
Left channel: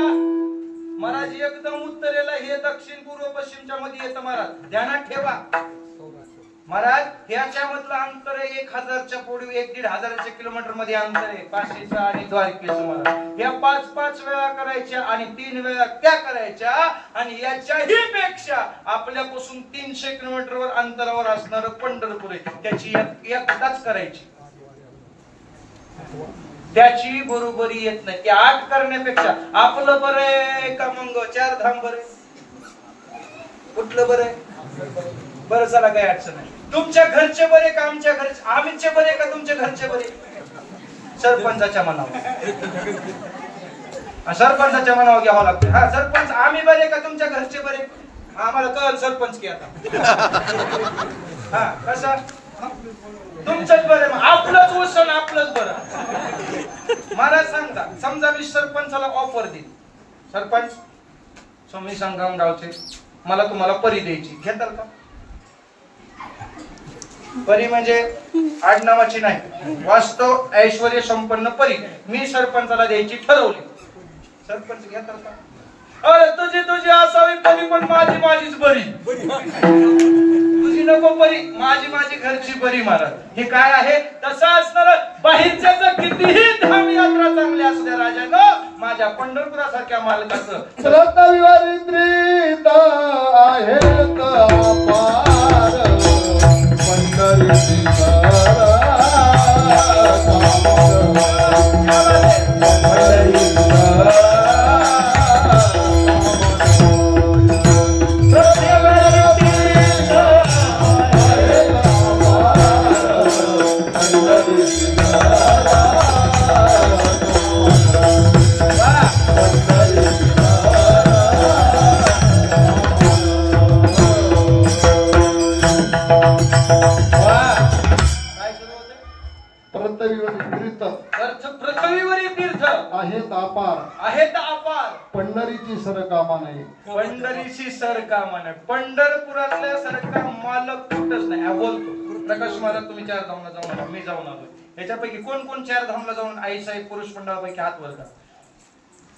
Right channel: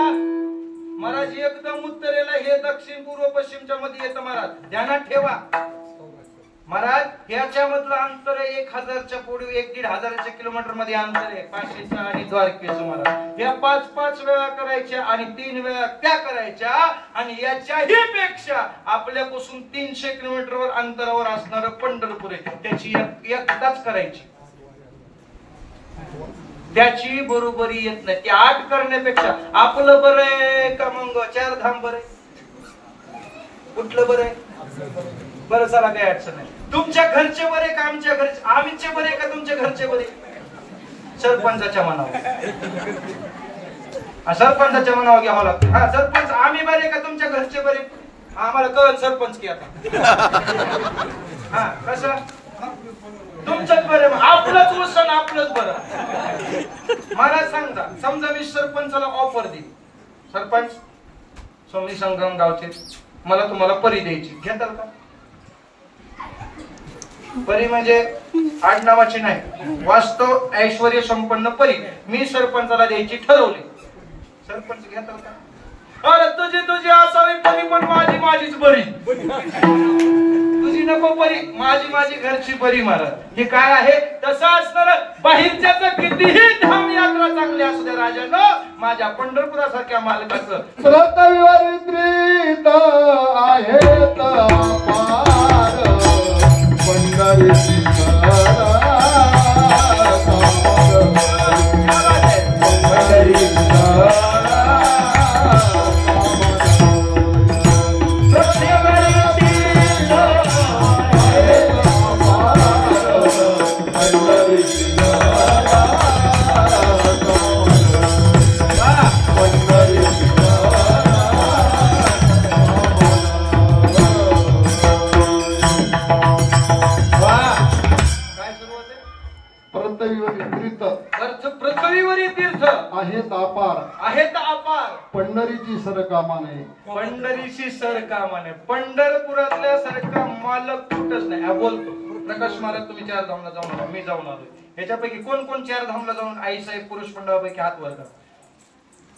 महाराज एकदम उत्तरेला, हे दक्षिण पूर्व पश्चिमच्या मध्ये येतं महाराज. ध्यानात ठेवा महाराज. याच्यामधलं अंतर 1000च्या पुढे 1-1.5 किलोमीटर मध्ये अंतर आहे काशीचं आणि द्वारकेचं महाराज. या 5-5 वेळा करायच्या आणि 3 वेळा त्या करायच्या. आणि याच्याही पेक्षा आपल्यापासून 300 किलोमीटरवर अंतरावर असणारं पंढरपूर आहे, त्याची एकदाच करायची. त्याची बरोबरी येत नाही. ते 8 करण्यापेक्षा आपलं बरं आहे का मग 4 धाम बरं आहे? कुठलं बरं आहे? बरं चला काही अडचण नाही. तुमच्या घरचे बरे का आमच्या घरचे? आम्हीचे बरे का तुमच्या घरचे बरे? सरपंचाच्या मनावर. सरपंचाच्या मनावर घ्यावं लागतं. हा सरपंच आम्ही बरे का तुमच्या घरचे बरे? आम्हाला कळ सरपंच की आता. हा कसं तुमच्याच बरे आपलंच वसन आपलंच बरं. मला सांगता समजा मी सरपंचाला ऑफर देईन, सरपंच स्वामी संगम गावचे मला तुम्हाला परी द्यायची, घेताल का? परी म्हणजे आडनावाची नाही, वास्तव ऐश्वर्य संपन्न परी मी सरपंचाला द्यायची ठरवली. सरपंच घेताल का? अरे तुझी तुझी असावी परी पण माझी माझीच बरी. तुझी नको परी, माझी माझी घरची बरी. मला हे काय आहे तसं असणार. बाहेरच्याच कितीही धाम यात्रा चांगली असू द्या राजानं, माझ्या पंढरपुरासारख्या मालकाचं श्रोतविवरित्रीत आहेत अपार पंढरीची पंढरीची सरकामा नाही. पंढरीची सरकामा नाही. पंढरपुरातल्या सारखा मालक कुठंच नाही. बोलतो प्रकाश महाराज तुम्ही 4 धामला जाऊन आला, मी जाऊन आलो. याच्यापैकी कोण कोण 4 धामला जाऊन आई साहेब पुरुष मंडळापैकी हात वर करा.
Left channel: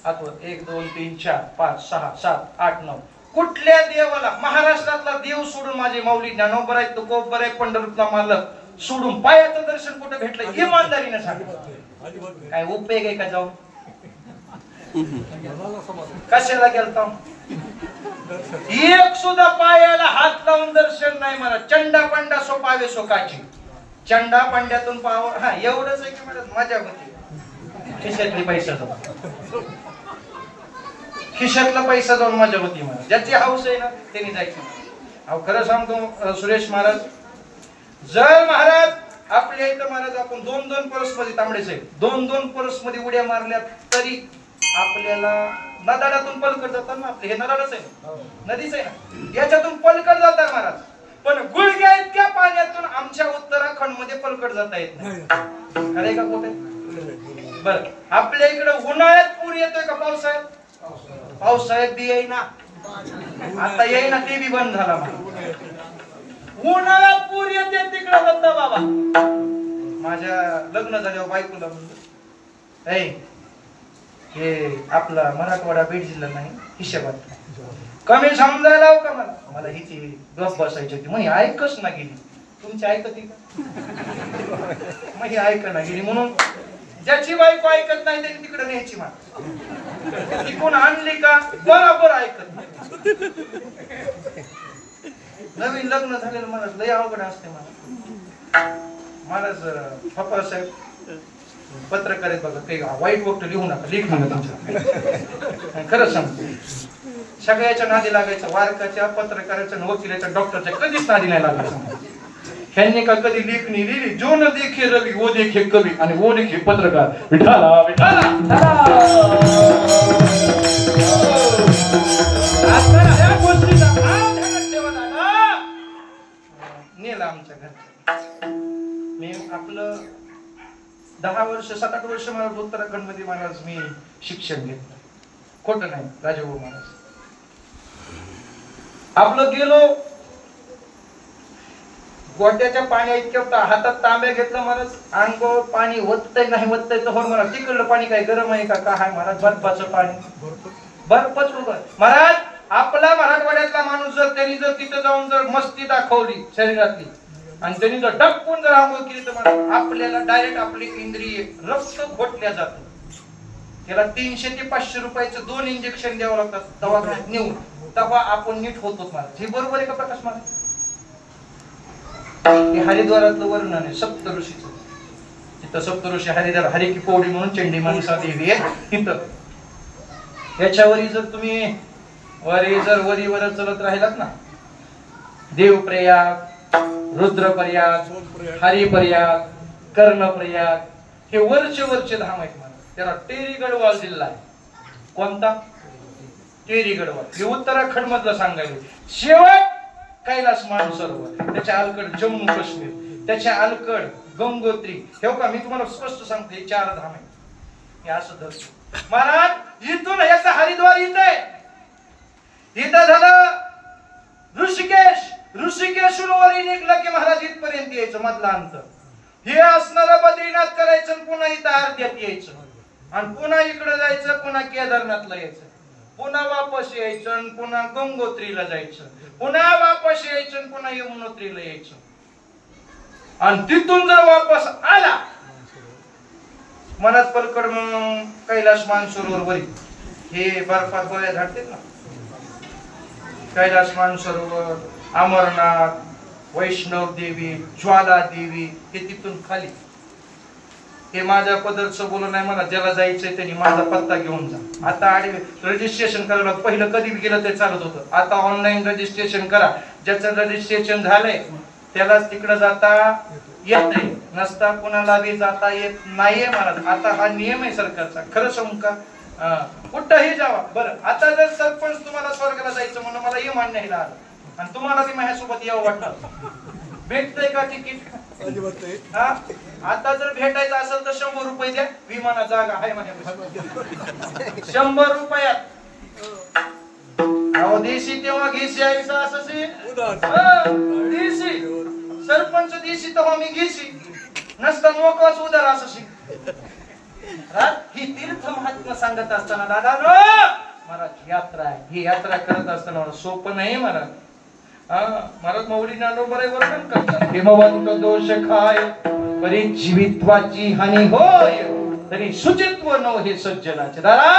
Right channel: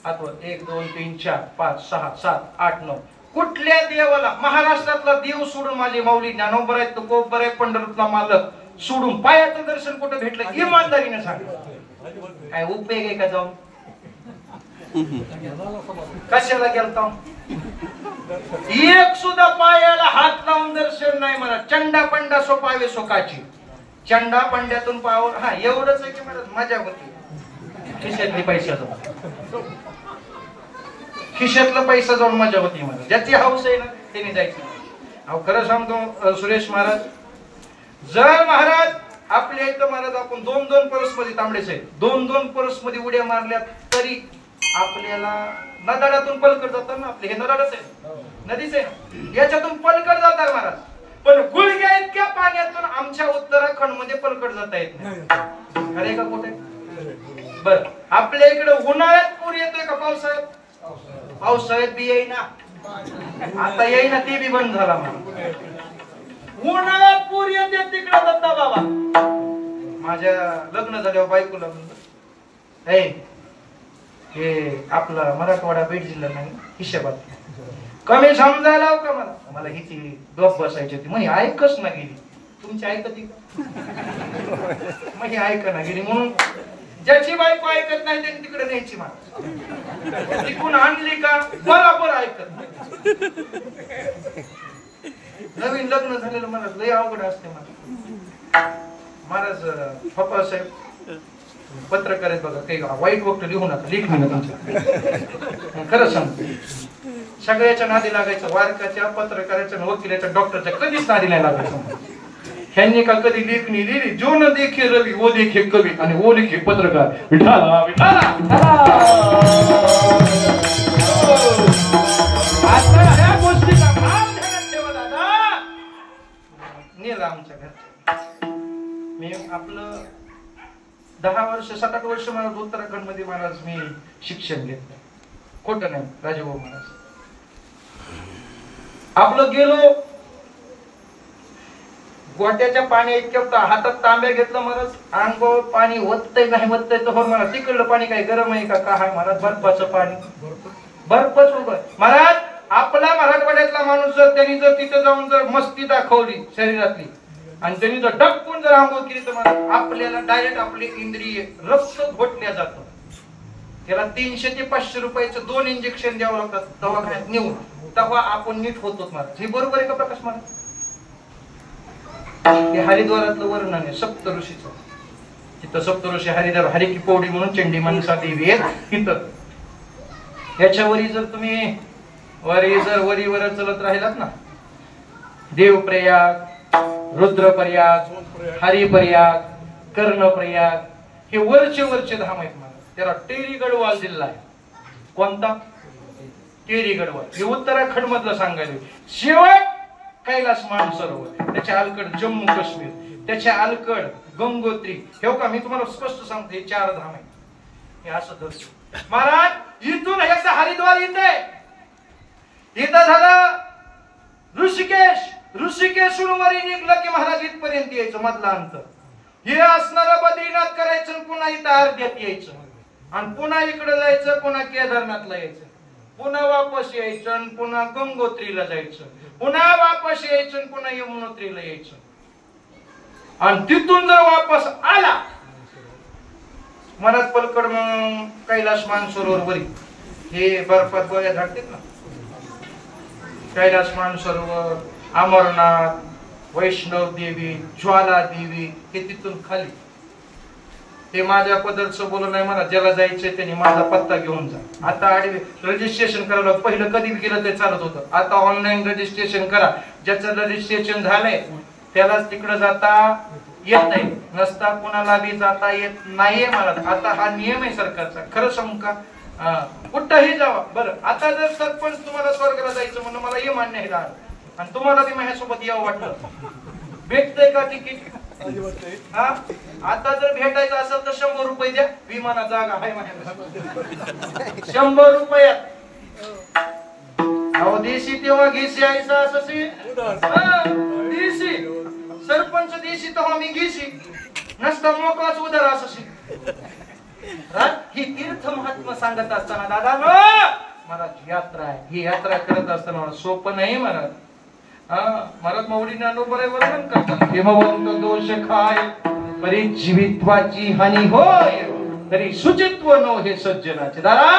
हात वर. 1 2 3 4 5 6 7 8 9. कुठल्या देवाला? महाराष्ट्रातला देव सोडून माझे माऊली ज्ञानोबर आहेत, तुकोबर आहे, पंढरपूरला मालक सोडून पायाचं दर्शन कुठे भेटलं? इमानदारीने सांगा. काय उपयोग आहे का जाऊन? कशाला गेलता? एक सुद्धा पायाला हात लावून दर्शन नाही मला. चंडा पंडा सोपावे सुखाची. चंडा पंड्यातून पावर हा एवढंच आहे की मला मजा होती. खिशातली पैसा जाऊन खिशातला पैसा जाऊन मजा होती मला. ज्याची हौस आहे ना त्यांनी जायची. अहो खरं सांगतो सुरेश महाराज, जर महाराज आपल्या इथं महाराज आपण 2-2 परस मध्ये तांबडे साहेब 2-2 परस मध्ये उड्या मारल्या तरी आपल्याला नदाडातून पलकड जातात ना. आपले हे नदाडच आहे, नदीच आहे ना, याच्यातून पलकड जातात महाराज. पण गुडघ्या इतक्या पाण्यातून आमच्या उत्तराखंड मध्ये पलकड जाता येत नाही. अरे का कुठे बर आपल्या इकडे उन्हाळ्यात पूर येतोय का पावसाळ्यात? पावसाळ्यात बी येईना. आता येईना ते बी बंद झाला. उन्हाळ्यात पूर येते तिकडे दत्ता बाबा. माझ्या लग्न झाल्यावर बायकोला म्हणलं हे आपला मराठवाडा बीड जिल्हा नाही हिशोबात कमी समजायला का मला हिची गप बसायची होती. मग ऐकच ना गेली. तुमची ऐकती का? मग ही ऐक ना गेली. म्हणून ज्याची बायको ऐकत नाही त्यांनी तिकडे न्यायची. मला तिकडून आणली का बरोबर ऐकत नाही. नवीन लग्न झालेलं महाराज लय अवघड असते. महाराज पप्पा साहेब पत्रकार आहेत बघा, काही वाईट गोष्ट लिहू नका. लिख ना तुमचं खरं सांगतो. सगळ्याच्या नादी लागायचं. वारकाच्या, पत्रकाराच्या, वकिलाच्या, डॉक्टरच्या कधीच नादी नाही लागायचं. ह्यांनी का कधी लेखणी लिहिली? जो न देखे रवी वो देखे कवी आणि वो देखे पत्रकार. विठाला विठाला या गोष्टीचा भाग ध्यानात ठेवा दादा. नेला आमच्या घरच्या. मी आपलं 10 वर्ष 7-8 वर्ष मला उत्तराखंड मध्ये महाराज मी शिक्षण घेतलं. खोटं नाही राजभाऊ महाराज. आपलं गेलो गोट्याच्या पाणी इतक्या हातात तांब्या घेतलं महाराज. अंगावर पाणी ओततय नाही ओततय तर हो महाराज. तिकडलं पाणी काय गरम आहे का काय महाराज? बर्फाचं पाणी. बर्फच उभं महाराज. आपला मराठवाड्यातला माणूस जर त्यांनी जर तिथे जाऊन जर मस्ती दाखवली शरीरातली आणि त्यांनी जर डपकून जर आंघोळ केली तर मला आपल्याला डायरेक्ट आपले इंद्रिय रक्त घोटल्या जातं. त्याला 300 ते 500 रुपयाचं 2 इंजेक्शन द्यावं लागतात दवाखान्यात नेऊन. तेव्हा आपण नीट होतो महाराज. हे बरोबर आहे का प्रकाश महाराज? हे हरिद्वारातलं वर्णन आहे सप्त ऋषीचं. तिथं सप्त ऋषी हरिद्वार हरि की पौडी म्हणून चंडी मनसा देवी आहे तिथं. याच्यावरी जर तुम्ही वरीवर चलत राहिलात ना, देवप्रयाग, रुद्रप्रयाग, हरिप्रयाग, कर्णप्रयाग, हे वरचे धाम आहेत मला. त्याला टेरी गढवाल जिल्हा आहे. कोणता? टेरी गढवाल. हे उत्तराखंड मधलं सांगायला. शेवट कैलास मानसरोवर, त्याच्या अलीकड जम्मू काश्मीर, त्याच्या अलीकड गंगोत्री. हे का मी तुम्हाला स्पष्ट सांगतो, हे 4 धाम आहेत. हे असं धरतो महाराज. इथून ह्याचं हरिद्वार येते. इथं झालं ऋषिकेश. ऋषिकेशून वरी निघलं की महाराज इथपर्यंत यायचं मधला अंतर. हे असणारं बद्रीनाथ करायचं, पुन्हा इथं अर्ध्यात यायचं आणि पुन्हा इकडे जायचं, पुन्हा केदारनाथला यायचं, पुन्हा वापस यायचं, पुन्हा गंगोत्रीला जायचं, पुन्हा वापस यायचं, पुन्हा यमुनोत्रीला यायचं. आणि तिथून जर वापस आला महाराज पलकड कैलास मानसरोवर वरी हे बर्फात गोळ्या झाडतात ना. कैलास मानसरोवर, अमरनाथ, वैष्णव देवी, ज्वाला देवी, हे तिथून खाली. हे माझ्या पदरचं बोलणं नाही मला. ज्याला जायचंय त्यांनी माझा पत्ता घेऊन जा. आता रजिस्ट्रेशन करायला पहिलं कधी गेलं ते चालत होतं. आता ऑनलाईन रजिस्ट्रेशन करा. ज्याचं रजिस्ट्रेशन झालंय त्यालाच तिकडे जाता येत नाही. नसता कोणाला बी जाता येत नाहीये महाराज. आता हा नियम आहे सरकारचा. खरं सांगू का? कुठंही जावा. बरं आता जर सरपंच तुम्हाला स्वर्गाला जायचं म्हणून मला हे मान्य आहे आणि तुम्हाला बी माझ्यासोबत यावं वाटतं, भेटतंय का तिकीट? आता जर भेटायचं असेल तर 100 रुपये द्या. विमाना जागा आहे माझ्याकडे. 100 रुपयात. अहो देशी तेव्हा घेशी आईचा असं देशी सरपंच देशी तेव्हा मी घेशी नसता मोकळाच उदार असं. ही तीर्थ महात्मा सांगत असताना दादा मला यात्रा आहे. ही यात्रा करत असताना सोपं नाही मला. महाराज मौली ज्ञानोबा वर्णन करतात. हिमवंत दोष खाय परी जीवित्वाची हानी होय. तरी शुचित्व नव हे सज्जनाचे दारा.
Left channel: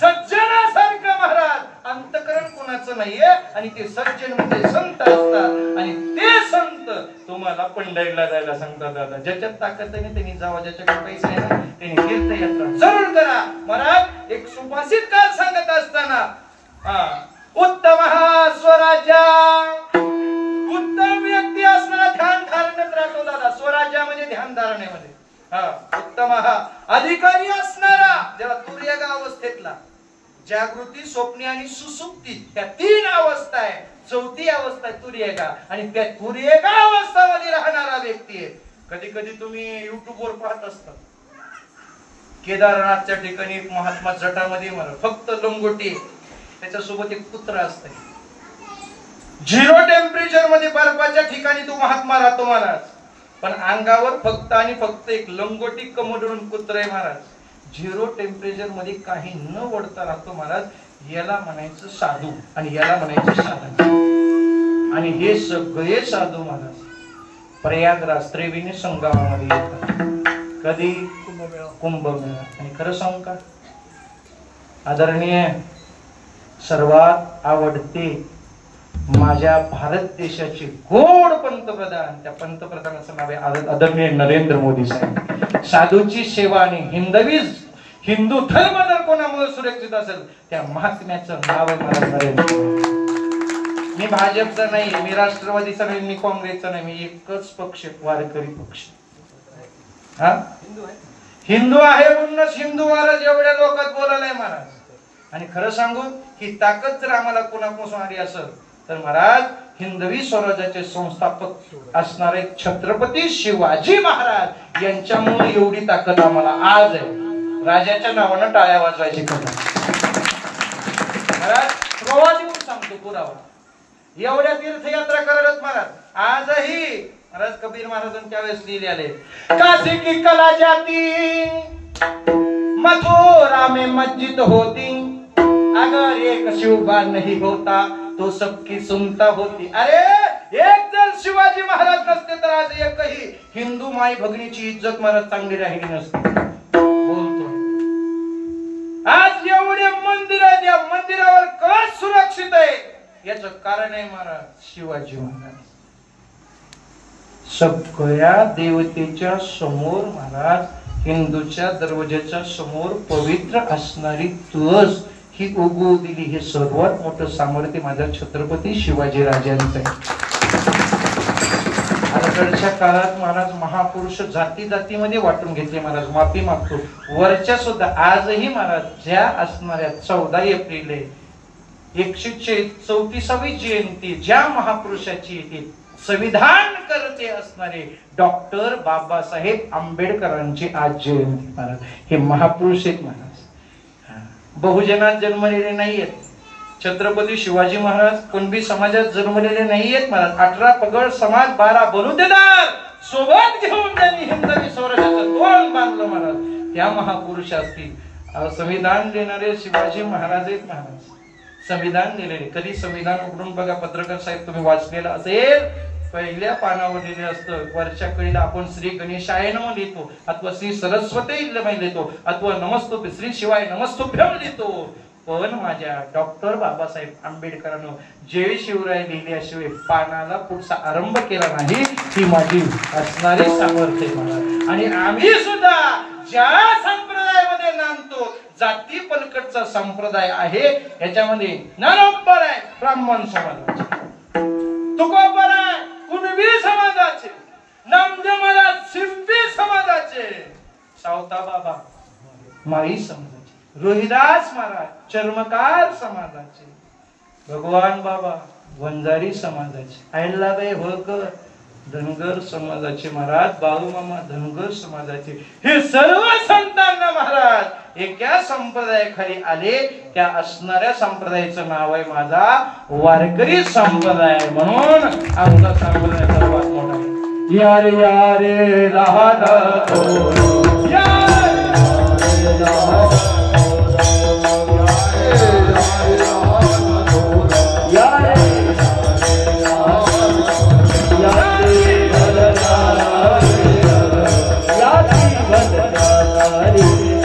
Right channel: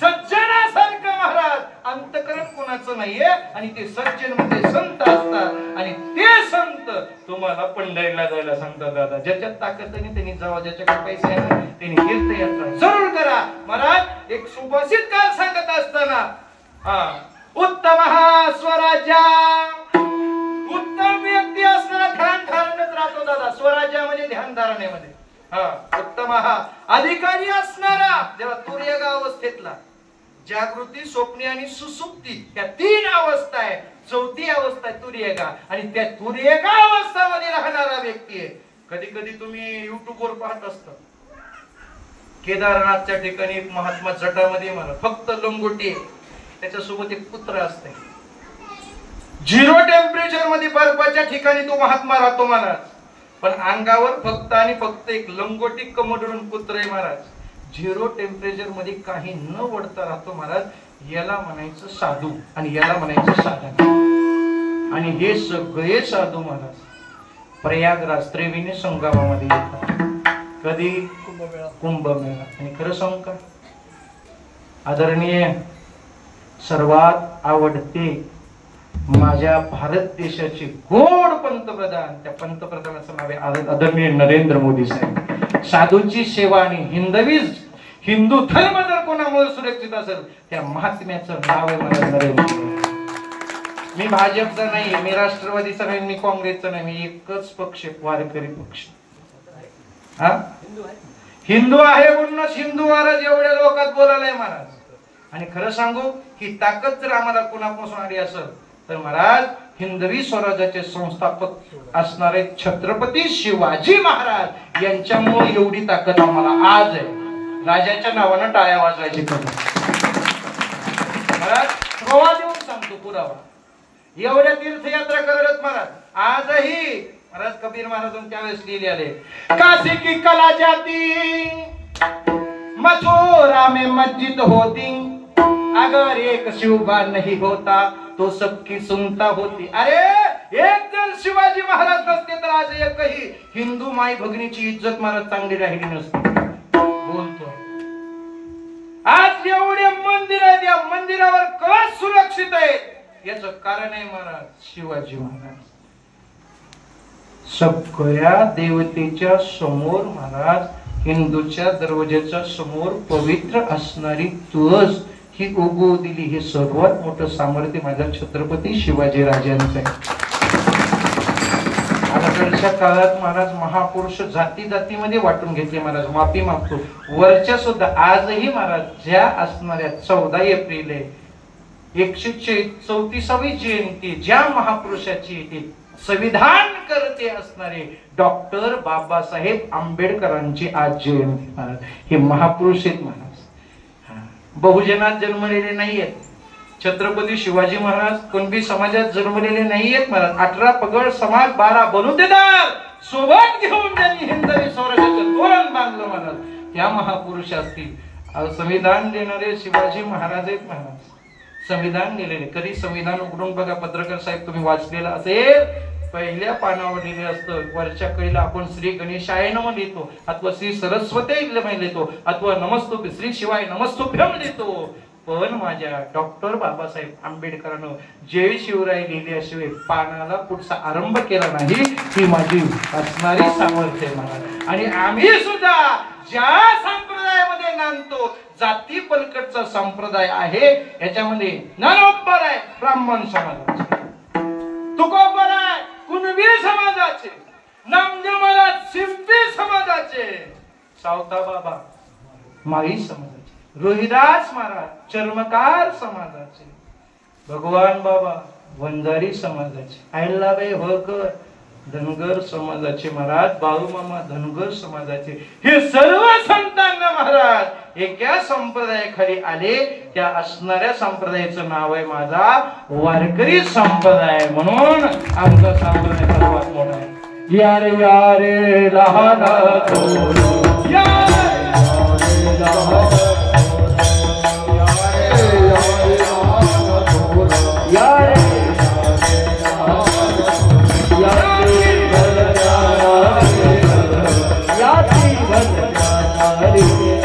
सज्जनासारखं महाराज अंतकरण कोणाचं नाहीये आणि ते सज्जन म्हणजे संत असतात आणि ते संत तुम्हाला पंढरीला जायला सांगतात. दादा ज्याच्यात ताकद आहे त्यांनी जावा, ज्याच्याकडे पैसे आहे ना त्यांनी तीर्थयात्रा जरूर करा. महाराज एक सुभाषित काळ सांगत असताना उत्तम स्वराज्य, उत्तम व्यक्ती असणारा ध्यान धारणेत राहतो दादा. स्वराज्य म्हणजे ध्यान धारणेमध्ये उत्तम अधिकारी असणारा, जेव्हा तुर्यग अवस्थेतला जागृती, स्वप्नी आणि सुसुप्ती त्या 3 अवस्था आहे. 4थी अवस्था आहे तुर्यगा आणि त्या तुर्यगा अवस्थामध्ये राहणारा व्यक्ती आहे. कधी कधी तुम्ही युट्यूब वर पाहत असता केदारनाथच्या ठिकाणी एक महात्मा जटामध्ये मला फक्त लंगोटी, त्याच्यासोबत एक कुत्रा असते. 0 टेम्परेचर मध्ये बर्फाच्या ठिकाणी तो महात्मा राहतो महाराज, पण अंगावर फक्त आणि फक्त एक लंगोटी कमोडून कुत्र आहे महाराज. 0 टेम्परेचर मध्ये काही न वडता राहतो महाराज. याला म्हणायचं साधू आणि याला म्हणायचं साधक. आणि हे सगळे साधू महाराज प्रयागराज त्रिवेणी संगमामध्ये येतात. कधी? कुंभमेळा. आणि खरं सांगू का आदरणीय सर्वात आवडते माझ्या भारत देशाचे गोड पंतप्रधान, त्या पंतप्रधानाचं नाव आहे आदरणीय नरेंद्र मोदी साहेब. साधूची सेवा आणि हिंदू धर्म जर कोणामुळे सुरक्षित असेल त्या महात्म्याचं नाव आहे नरेंद्र मोदी. मी भाजपचा नाही, मी राष्ट्रवादीचा नाही, मी काँग्रेसचा नाही, मी एकच पक्ष वारकरी पक्ष. हिंदू आहे म्हणूनच हिंदूवारच एवढ्या लोकात बोलायला महाराज. आणि खरं सांगू ही ताकद जर आम्हाला कोणापासून आली असेल तर महाराज हिंदवी स्वराज्याचे संस्थापक असणारे छत्रपती शिवाजी महाराज यांच्यामुळे एवढी ताकद आम्हाला आज आहे. राजाच्या नावानं टाळ्या वाजवायची कथा महाराज पुरावा देऊन सांगतो. पुरावा एवढ्या तीर्थयात्रा करत महाराज आजही महाराज कबीर महाराजांनी त्यावेळेस लिहिले काशी की कला जाती मथुरा में मस्जिद होती अगर एक शिवबा नहीं होता तो सबकी सुनता होती. अरे एक जर शिवाजी महाराज नसते तर आज एकही हिंदू माई भगिनीची इज्जत महाराज चांगली राहिली नसती. बोलतो आज एवढे मंदिर आहेत, या मंदिरावर कळस सुरक्षित आहे याचं कारण आहे महाराज शिवाजी महाराज. सगळ्या देवतेच्या समोर महाराज हिंदूच्या दरवाजाच्या समोर पवित्र असणारी तुळस ही उगवू दिली. हे सर्वात मोठं सामर्थ्य माझ्या छत्रपती शिवाजी राजांचं आहे. अलीकडच्या काळात महाराज महापुरुष जाती जातीमध्ये वाटून घेतले महाराज. माफी मागतो. वरच्या सुद्धा आजही महाराज ज्या असणाऱ्या 14 एप्रिल 134वी जयंती ज्या महापुरुषाची येते संविधान करते असणारे डॉक्टर बाबासाहेब आंबेडकरांची आज जयंती महाराज. हे महापुरुष आहेत महाराज. बहुजनात जन्मलेले नाहीयेत. छत्रपती शिवाजी महाराज कुणबी समाजात जन्मलेले नाहीयेत महाराज. 18 पगड समाज 12 बलुतेदार सोबत घेऊन त्यांनी हिंदवी स्वराज्याचं तोरण बांधलं महाराज. त्या महापुरुषातील संविधान देणारे शिवाजी महाराज आहेत महाराज. संविधान दिलेले. कधी संविधान उघडून बघा पत्रकार साहेब तुम्ही वाचलेलं असेल. पहिल्या पानावर लिहिले असतं वरच्या कळीला आपण श्री गणेशाय नमः लिहितो अथवा श्री सरस्वती लिहितो अथवा नमस्तुभ्यं श्री शिवाय नमस्तुभ्यं लिहितो. पण माझ्या डॉक्टर बाबासाहेब आंबेडकरांनो जय शिवराय लिहिल्याशिवाय पानाला पुढचा आरंभ केला नाही. ही माझी असणारी सामर्थ्य आहे. आणि आम्ही सुद्धा ज्या संप्रदायामध्ये नांदतो जाती पलकटचा संप्रदाय आहे याच्यामध्ये ज्ञानोबर आहे ब्राह्मण समाजाचे, तुकोबर आहे कुणबी समाजाचे, नामदेव महाराज शिंपी समाजाचे, सावता बाबा माळी समाजाचे, रोहिदास महाराज चर्मकार समाजाचे, भगवान बाबा वंजारी समाजाचे, अहिल्याबाई होळकर धनगर समाजाचे महाराज, बाळूमामा धनगर समाजाचे. हे सर्व संतांना महाराज एका संप्रदायाखाली आले. त्या असणाऱ्या संप्रदायाचं नाव आहे माझा वारकरी संप्रदाय. म्हणून आमचा संप्रदाय सर्वात मोठा आहे. यारे यारे लहान Yeah.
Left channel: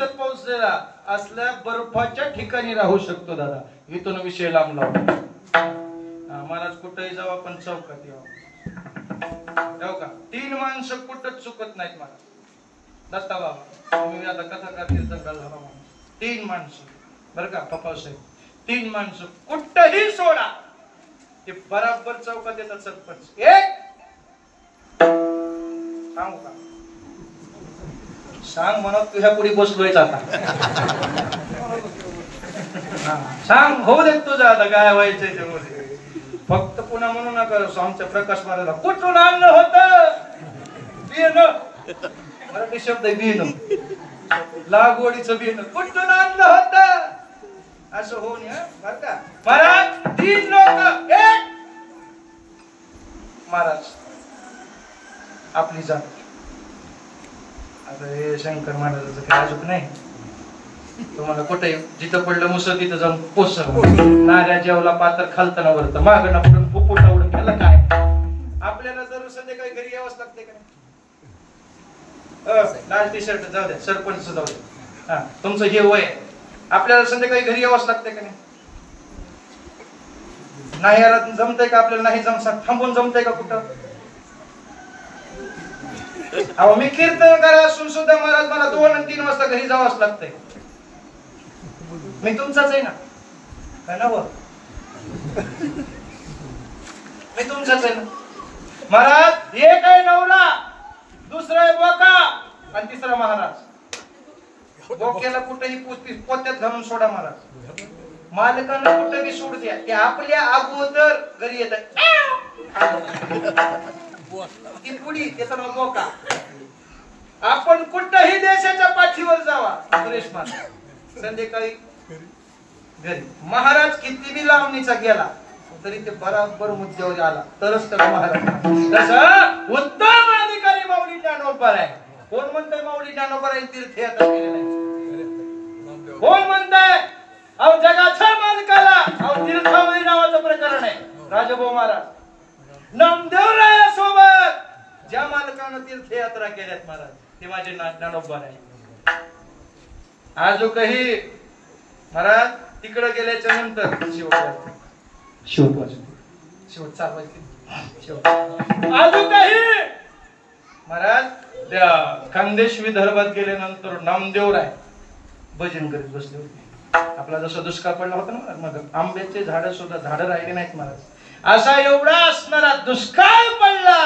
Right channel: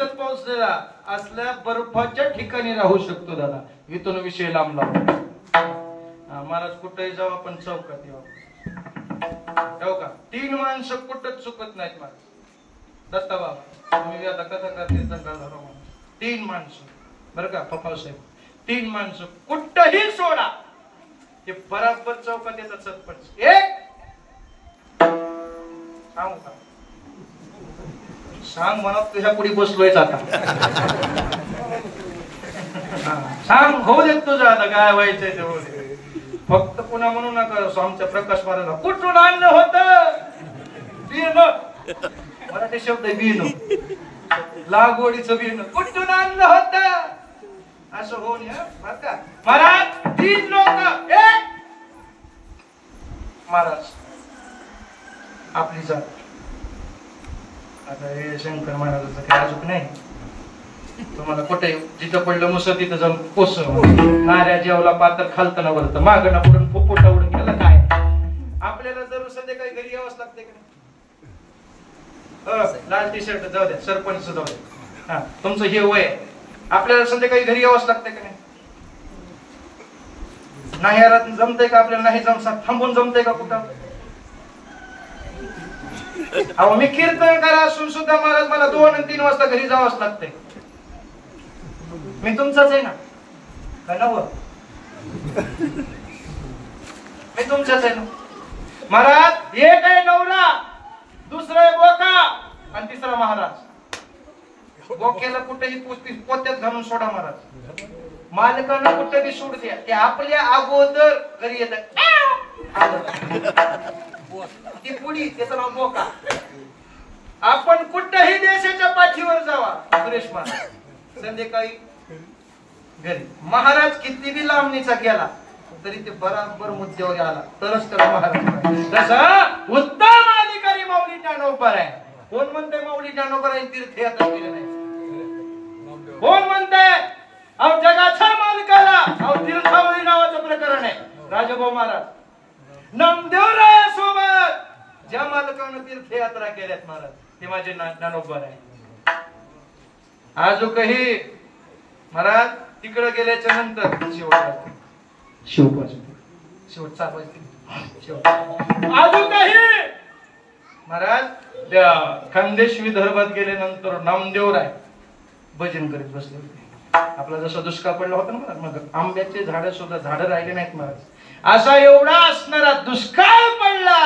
सतत पाऊस असल्या बर्फाच्या ठिकाणी राहू शकतो दादा. इथून विषय लांब लावला. महाराज कुठेही जाऊ आपण चौकात येऊ का. 3 माणसं कुठंच चुकत नाहीत महाराज. दत्ता बाबा तुम्ही आता कथा करतील तर 3 माणसं बरं का पप्पा साहेब. 3 माणसं कुठंही सोडा ते बराबर चौकात येतात सरपंच. एक सांगू का सांग म्हणा तुझ्या पुढे बसलोयच आता. सांग होऊ देत तुझं आता काय व्हायचंय ते होऊ दे. फक्त पुन्हा म्हणू नका आमच्या प्रकाश महाराज कुठून आणलं होतं बियाणं. मराठी शब्द आहे बियाणं. लागवडीचं बियाणं कुठून आणलं होतं असं होऊन बर का महाराज. 3 लोक एक महाराज आपली जात. आता हे शंकर महाराजाचं काही अजून नाही. तुम्हाला कुठे जिथं पडलं मुसळ तिथं जाऊन पोचव. नाऱ्या जेवला पात्र खालताना वरतं मागणं पडून फुफुटा उडून गेला काय. आपल्याला जर संध्याकाळी घरी यावंच लागते का नाही. लाल टी शर्ट जाऊ द्या सरपंच जाऊ द्या. हा तुमचं हे वय आहे. आपल्याला संध्याकाळी घरी यावंच लागते का नाही. नाही यार जमतंय का आपल्याला. नाही जमसा थांबून जमतंय का कुठं. अहो मी कीर्तन करा असून सुद्धा महाराज मला 2 आणि 3 वाजता घरी जावंच लागतंय. मी तुमचाच आहे ना काय ना बघ. मी तुमचाच आहे ना महाराज. एक आहे नवरा, दुसरा आहे बोका आणि तिसरा महाराज. बोक्याला कुठेही पोत्यात घालून सोडा महाराज. मालकांना कुठेही सोड द्या. ते आपल्या अगोदर घरी येतात. ती पुढी त्याचं नाव बोका. आपण कुठल्याही देशाच्या पाठीवर जावा सुरेश महाराज संध्याकाळी घरी. महाराज किती बी लांबणीचा गेला तरी ते बराबर मुद्द्यावर आला तरच त्याला महाराज. तसं उत्तम अधिकारी माऊली ज्ञानोबा आहे. कोण म्हणतंय माऊली ज्ञानोबा आहे तीर्थयात्रा केली नाही. कोण म्हणतंय अहो जगाच्या मालकाला अहो तीर्थावरी नावाचं प्रकरण आहे. राजाभाऊ महाराज नामदेवरायासोबत ज्या मालकानं तीर्थयात्रा केल्यात महाराज ते माझे ज्ञानोबा आहे. आजूकही महाराज तिकडे गेल्याच्या नंतर शेवट चालवायचे आजूकही महाराज खानदेश विदर्भात गेल्यानंतर नामदेवराय भजन करीत बसले होते. आपला जसा दुष्काळ पडला होता ना मग आंब्याचे झाडं सुद्धा झाडं राहिले नाहीत महाराज. असा एवढा असणारा दुष्काळ पडला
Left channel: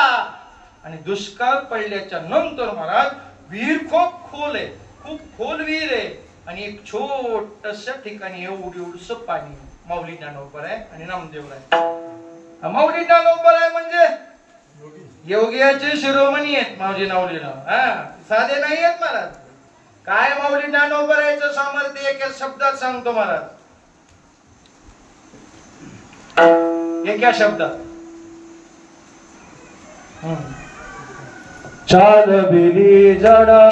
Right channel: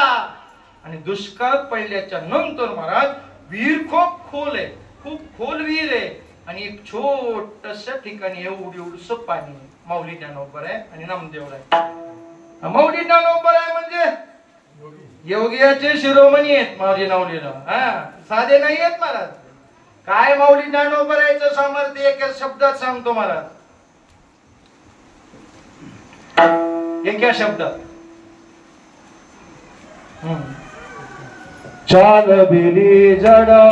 आणि दुष्काळ पडल्याच्या नंतर महाराज विहीर खूप खोल आहे. खूप खोल विहीर आहे आणि एक छोटस ठिकाणी एवढस पाणी. माऊली ज्ञानोबा आहे आणि नामदेव आहे. माऊली ज्ञानोबा आहे म्हणजे योगियाचे शिरोमणी आहेत माऊली नावलीला. साधे नाही आहेत महाराज. काय माऊली ज्ञानोबा याचं सामर्थ्य एका शब्दात सांगतो महाराज. एका शब्दात चाल बिली जडा